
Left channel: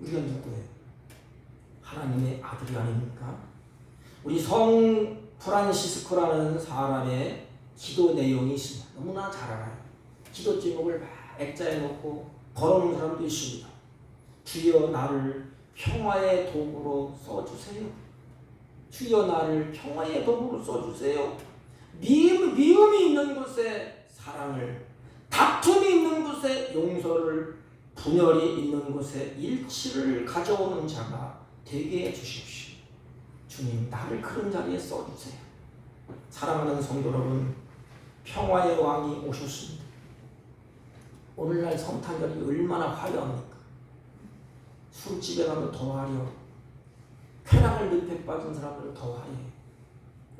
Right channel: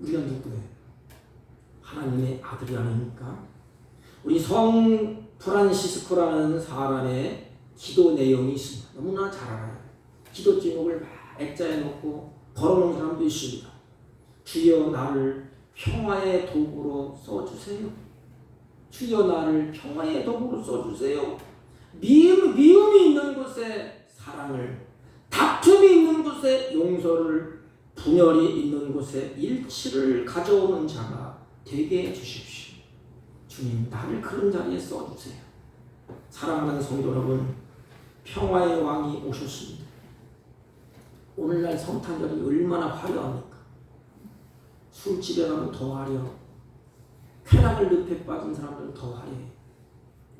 우리가 누구예요? 하나님의 아들이 아닙니까? 우리 성 프란시스코라는 사람의 기도 내용이 있습니다. 너무나 잘 알아요. 기도 제목을 막 액자에 넣고 걸어놓은 사람도 있습니다. 주여 나를 평화의 도구로 써주세요. 주여 나를 평화의 도구로 써주세요. 미움이 있는 곳에 사랑을, 다툼이 있는 곳에 용서를, 분열이 있는 곳에 일치를 가져오는 자가 되게 해주십시오. 주님 나를 그런 자리에 써주세요. 사랑하는 성도 여러분, 평화의 왕이 오셨습니다. 오늘날 성탄절이 얼마나 화려합니까? 술집에 가면 더 화려하고 쾌락을 늪에 빠진 사람들은 더 화려해요.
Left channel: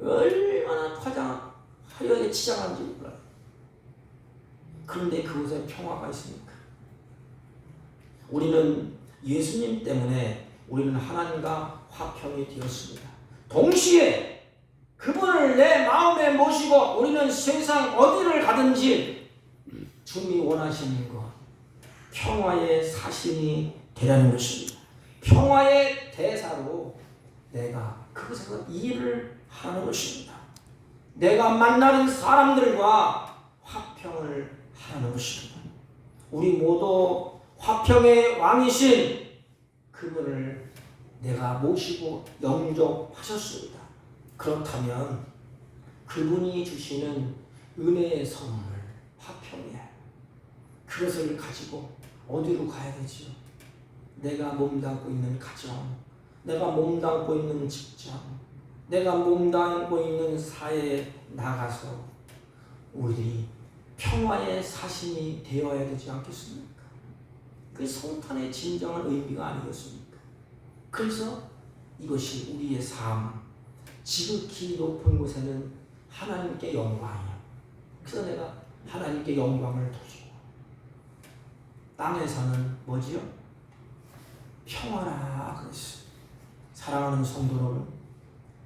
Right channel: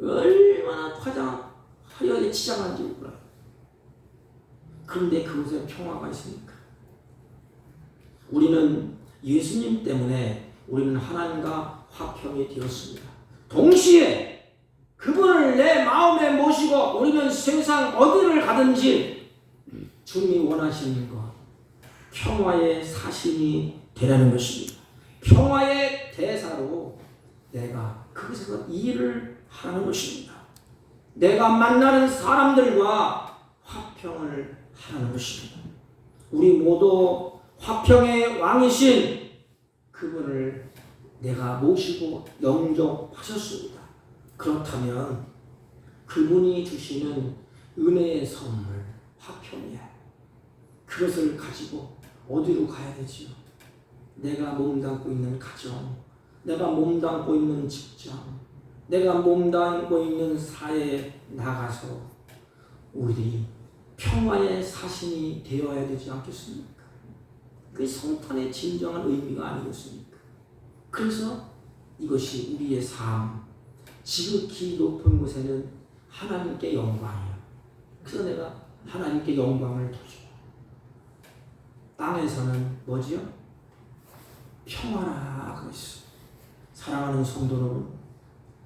얼마나 화려하게 치장한지 몰라요. 그런데 그곳에 평화가 있습니까? 우리는 예수님 때문에 우리는 하나님과 화평이 되었습니다. 동시에 그분을 내 마음에 모시고 우리는 세상 어디를 가든지 주님이 원하시는 것, 평화의 사신이 되라는 것입니다. 평화의 대사로 내가 그것에서 일을 하는 것입니다. 내가 만나는 사람들과 화평을 하는 것입니다. 우리 모두 화평의 왕이신 그분을 내가 모시고 영접하셨습니다. 그렇다면 그분이 주시는 은혜의 선물, 화평이야. 그것을 가지고 어디로 가야 되지요? 내가 몸담고 있는 가정, 내가 몸담고 있는 직장, 내가 몸담고 있는 사회에 나가서 우리들이 평화의 사신이 되어야 되지 않겠습니까? 그 성탄의 진정한 의미가 아니겠습니까? 그래서 이것이 우리의 삶, 지극히 높은 곳에는 하나님께 영광이에요. 그래서 내가 하나님께 영광을 돌리고 땅에서는 뭐지요? 평화라 그랬어요. 사랑하는 성도 여러분,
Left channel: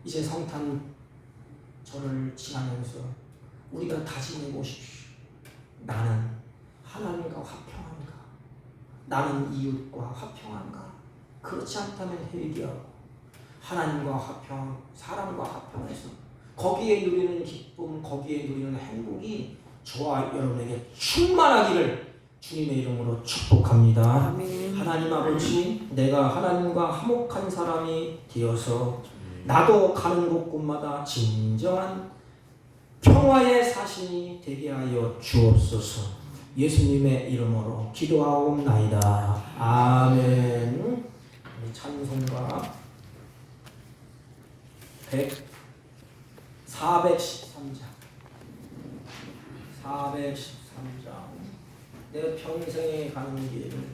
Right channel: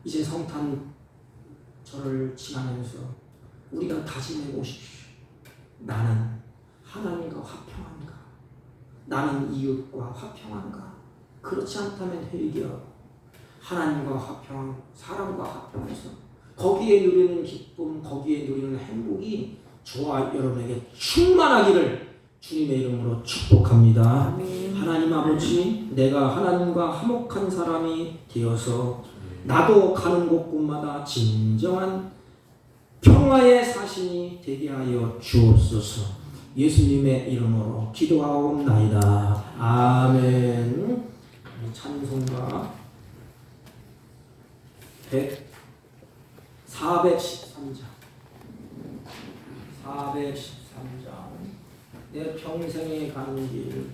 이제 성탄절을 지나면서 우리가 다짐해 보십시오. 나는 하나님과 화평한가? 나는 이웃과 화평한가? 그렇지 않다면 회개하고 하나님과 화평, 사람과 화평해서 거기에 누리는 기쁨, 거기에 누리는 행복이 저와 여러분에게 충만하기를 주님의 이름으로 축복합니다. 아멘. 하나님 아버지, 내가 하나님과 화목한 사람이 되어서 나도 가는 곳곳마다 진정한 평화의 사신이 되게 하여 주옵소서. 예수님의 이름으로 기도하옵나이다. 아멘. 찬송가 413장 내 평생에 가는 길.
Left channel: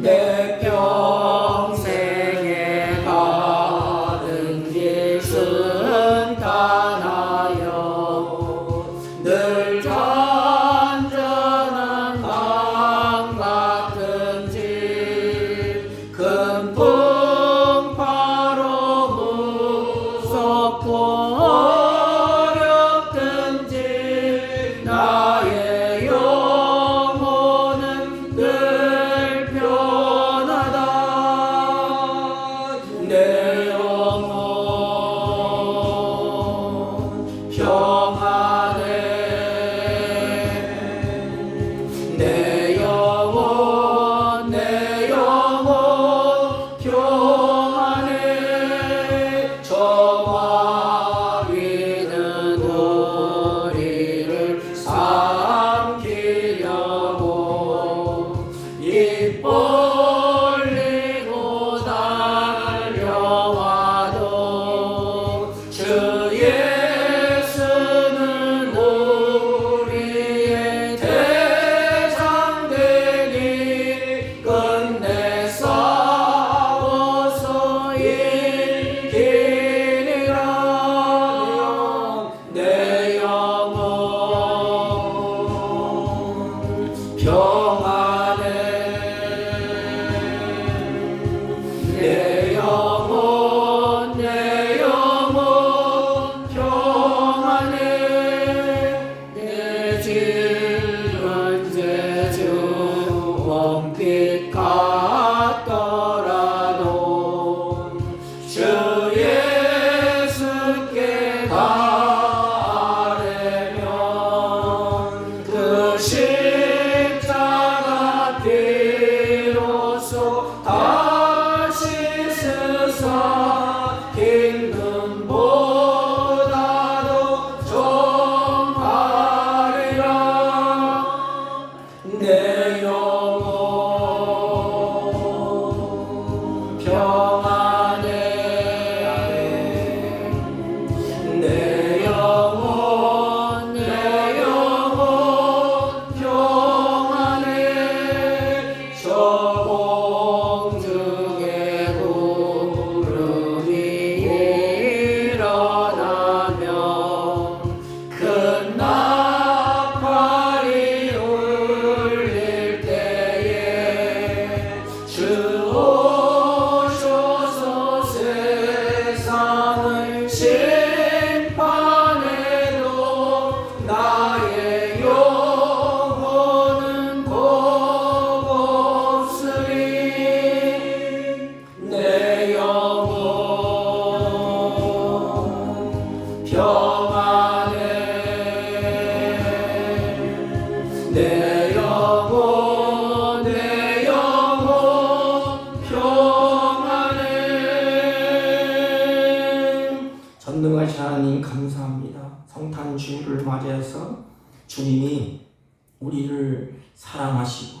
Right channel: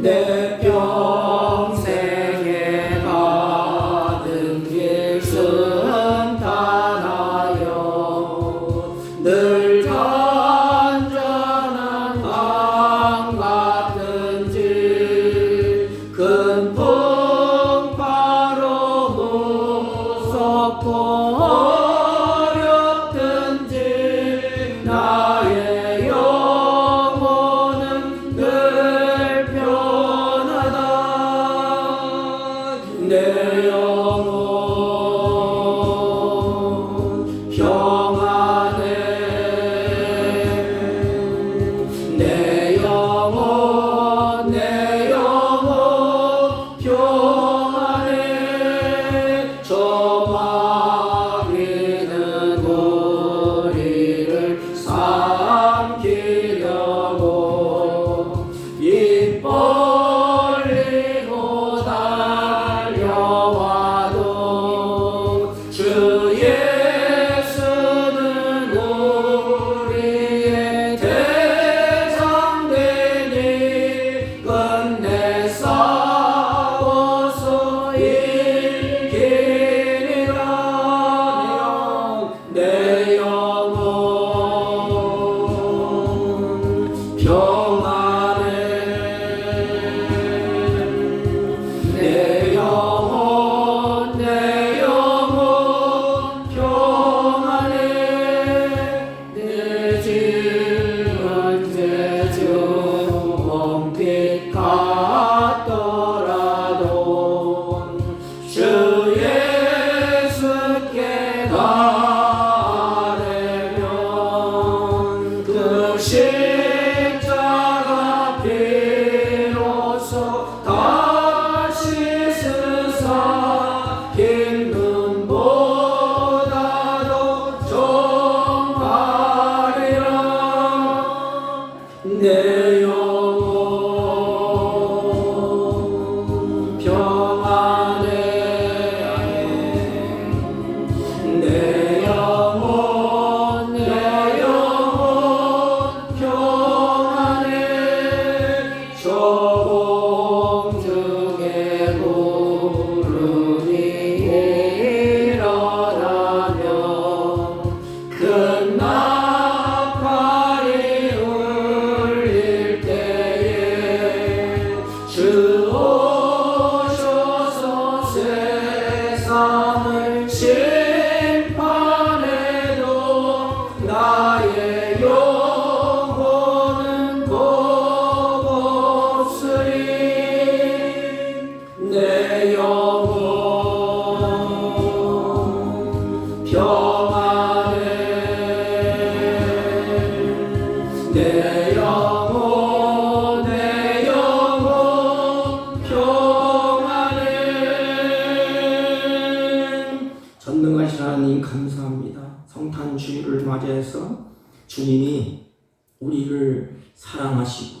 내 평생에 가는 길 순탄하여 늘 잔잔한 강 같은 길 금풍 바로 무섭고 어렵든지 나의 영혼은 늘 변하다. 내 영혼 평안해. 내 영혼 평안해. 저 마귀는 우리를 삼키려고 입 벌리고 달려와도 주 예수는 우리의 대장 되니 끝내 싸워서 이기리라. 내 영혼 평안해. 내 영혼 평안해. 내 집은 제주 멍빛 같더라도 주 예수께 바라면 그 십자가 비로소 다시 스사 기름보다도 정하리라. 내 영혼 평안해. 내 영혼 평안해. 저 공중의 구름이 일어나면 큰 나팔이 울릴 때에 주 오셔서 세상을 심판해도 나의 영혼은 곱으리. 내 영혼 평안해. 내 영혼 평안해. 전능하신 하나님 감사합니다. 성탄 주일을 맞이해서 주님이 우리를 사랑하시고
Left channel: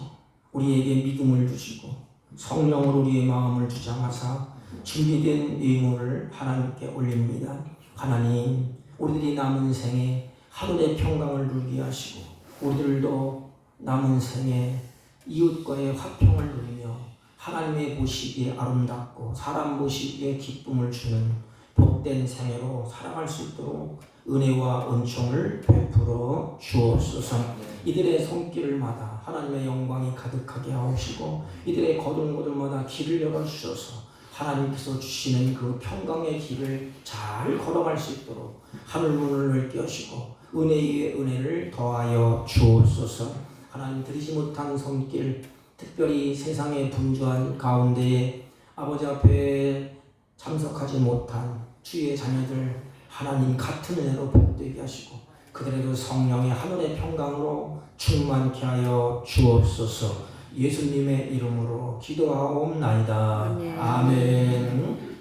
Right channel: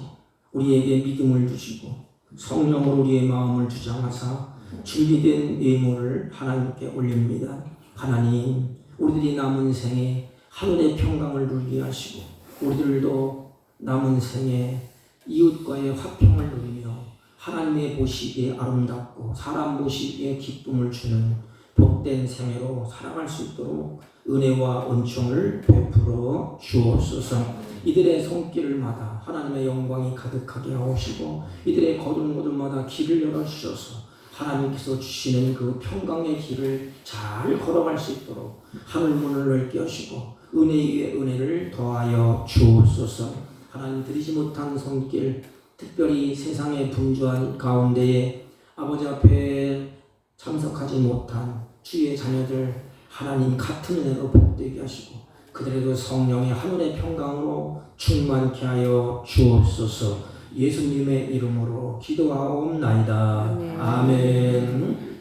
우리에게 믿음을 주시고 성령으로 우리의 마음을 주장하사 준비된 예물을 하나님께 올립니다. 하나님, 우리들이 남은 생에 하늘의 평강을 누리게 하시고 우리들도 남은 생에 이웃과의 화평을 누리며 하나님의 보시기에 아름답고 사람 보시기에 기쁨을 주는 복된 생애로 살아갈 수 있도록 은혜와 은총을 베풀어 주옵소서. 이들의 손길마다 하나님의 영광이 가득하게 하옵시고 이들의 걸음걸음마다 길을 열어주셔서 하나님께서 주시는 그 평강의 길을 잘 걸어갈 수 있도록 하늘 문을 넓게 하시고 은혜 위에 은혜를 더하여 주옵소서. 하나님 드리지 못한 손길, 특별히 세상의 분주한 가운데에 아버지 앞에 참석하지 못한 주의 자녀들 하나님 같은 은혜로 복되게 하시고 그들에게 성령의 하늘의 평강으로 충만케 하여 주옵소서. 예수님의 이름으로 기도하옵나이다. 아멘.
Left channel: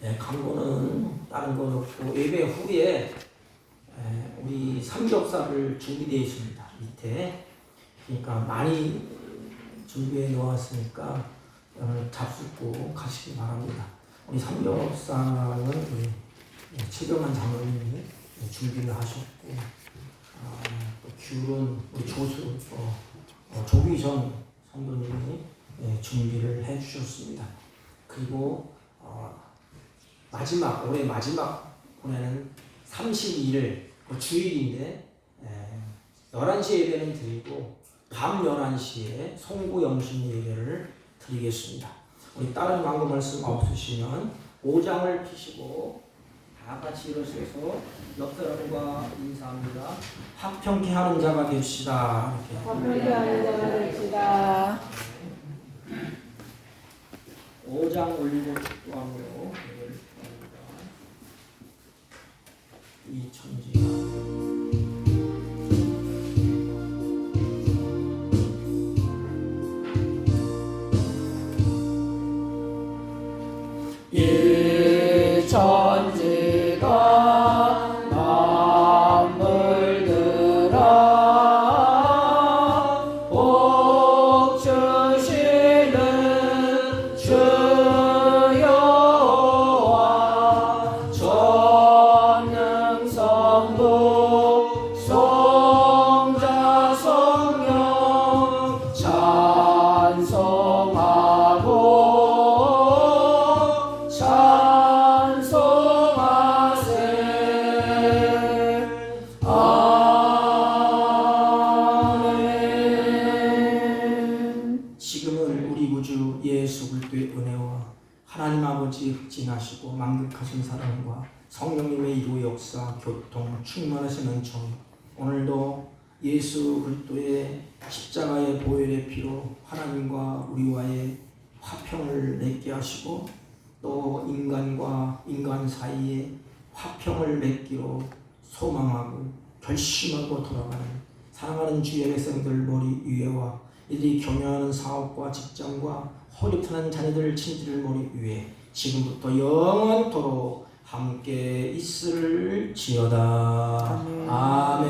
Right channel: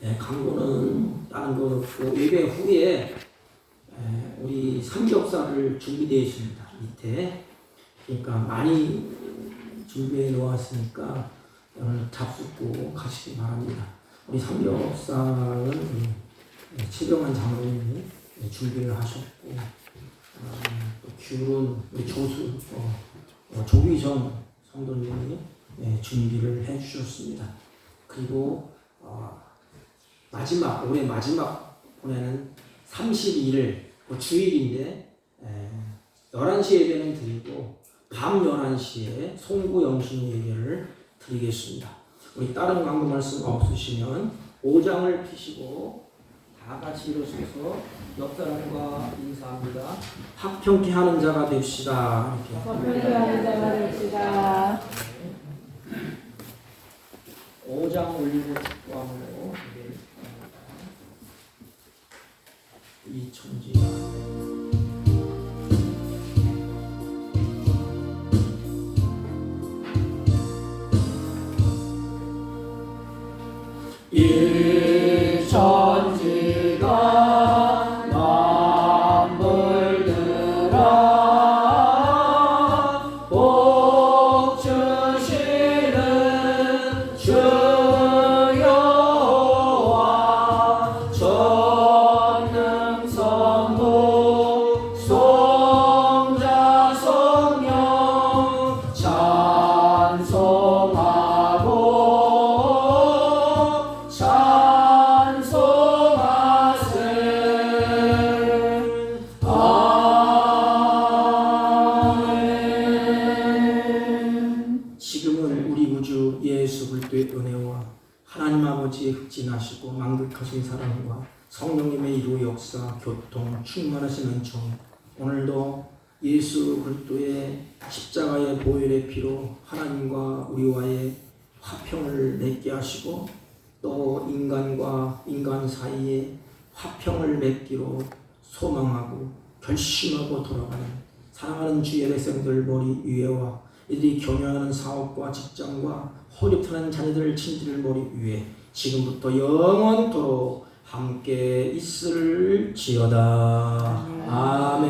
네, 광고는 다른 것 없고 예배 후에 우리 삼겹살을 준비되어 있습니다. 밑에. 그러니까 많이 준비해 놓았으니까 오늘 잡수고 가시기 바랍니다. 우리 삼겹살은 최경환 장로님이 준비를 하셨고 귤은 우리 조희정 성도님이 준비를 해주셨습니다. 그리고 올해 마지막 보내는 32일 주일인데 11시 예배는 드리고 밤 11시에 송구 영신 예배를 드리겠습니다. 우리 다른 광고 말씀 없으시면 5장을 피시고 다 같이 일어서서 옆 사람과 인사합니다. 합평케 하는 자가 됩시다. 화평케 하는 자가 됩시다. 5장 올리고 축구함으로 이천지가 하나님 아버지의 흑진하시고 만극하신 사랑과 성령님의 이루의 역사, 교통, 충만하신 은총이 오늘도 예수 그리스도의 십자가의 보혈의 피로 하나님과 우리와의 화평을 맺게 하시고 또 인간과 인간 사이에 화평을 맺기로 소망하고 결심하고 돌아가는 사랑하는 주의 백성들 머리 위에와 이들이 경영하는 사업과 직장과 허리푸는 자녀들 친지들 머리 위에 지금부터 영원토록 함께 있을지어다. 아멘.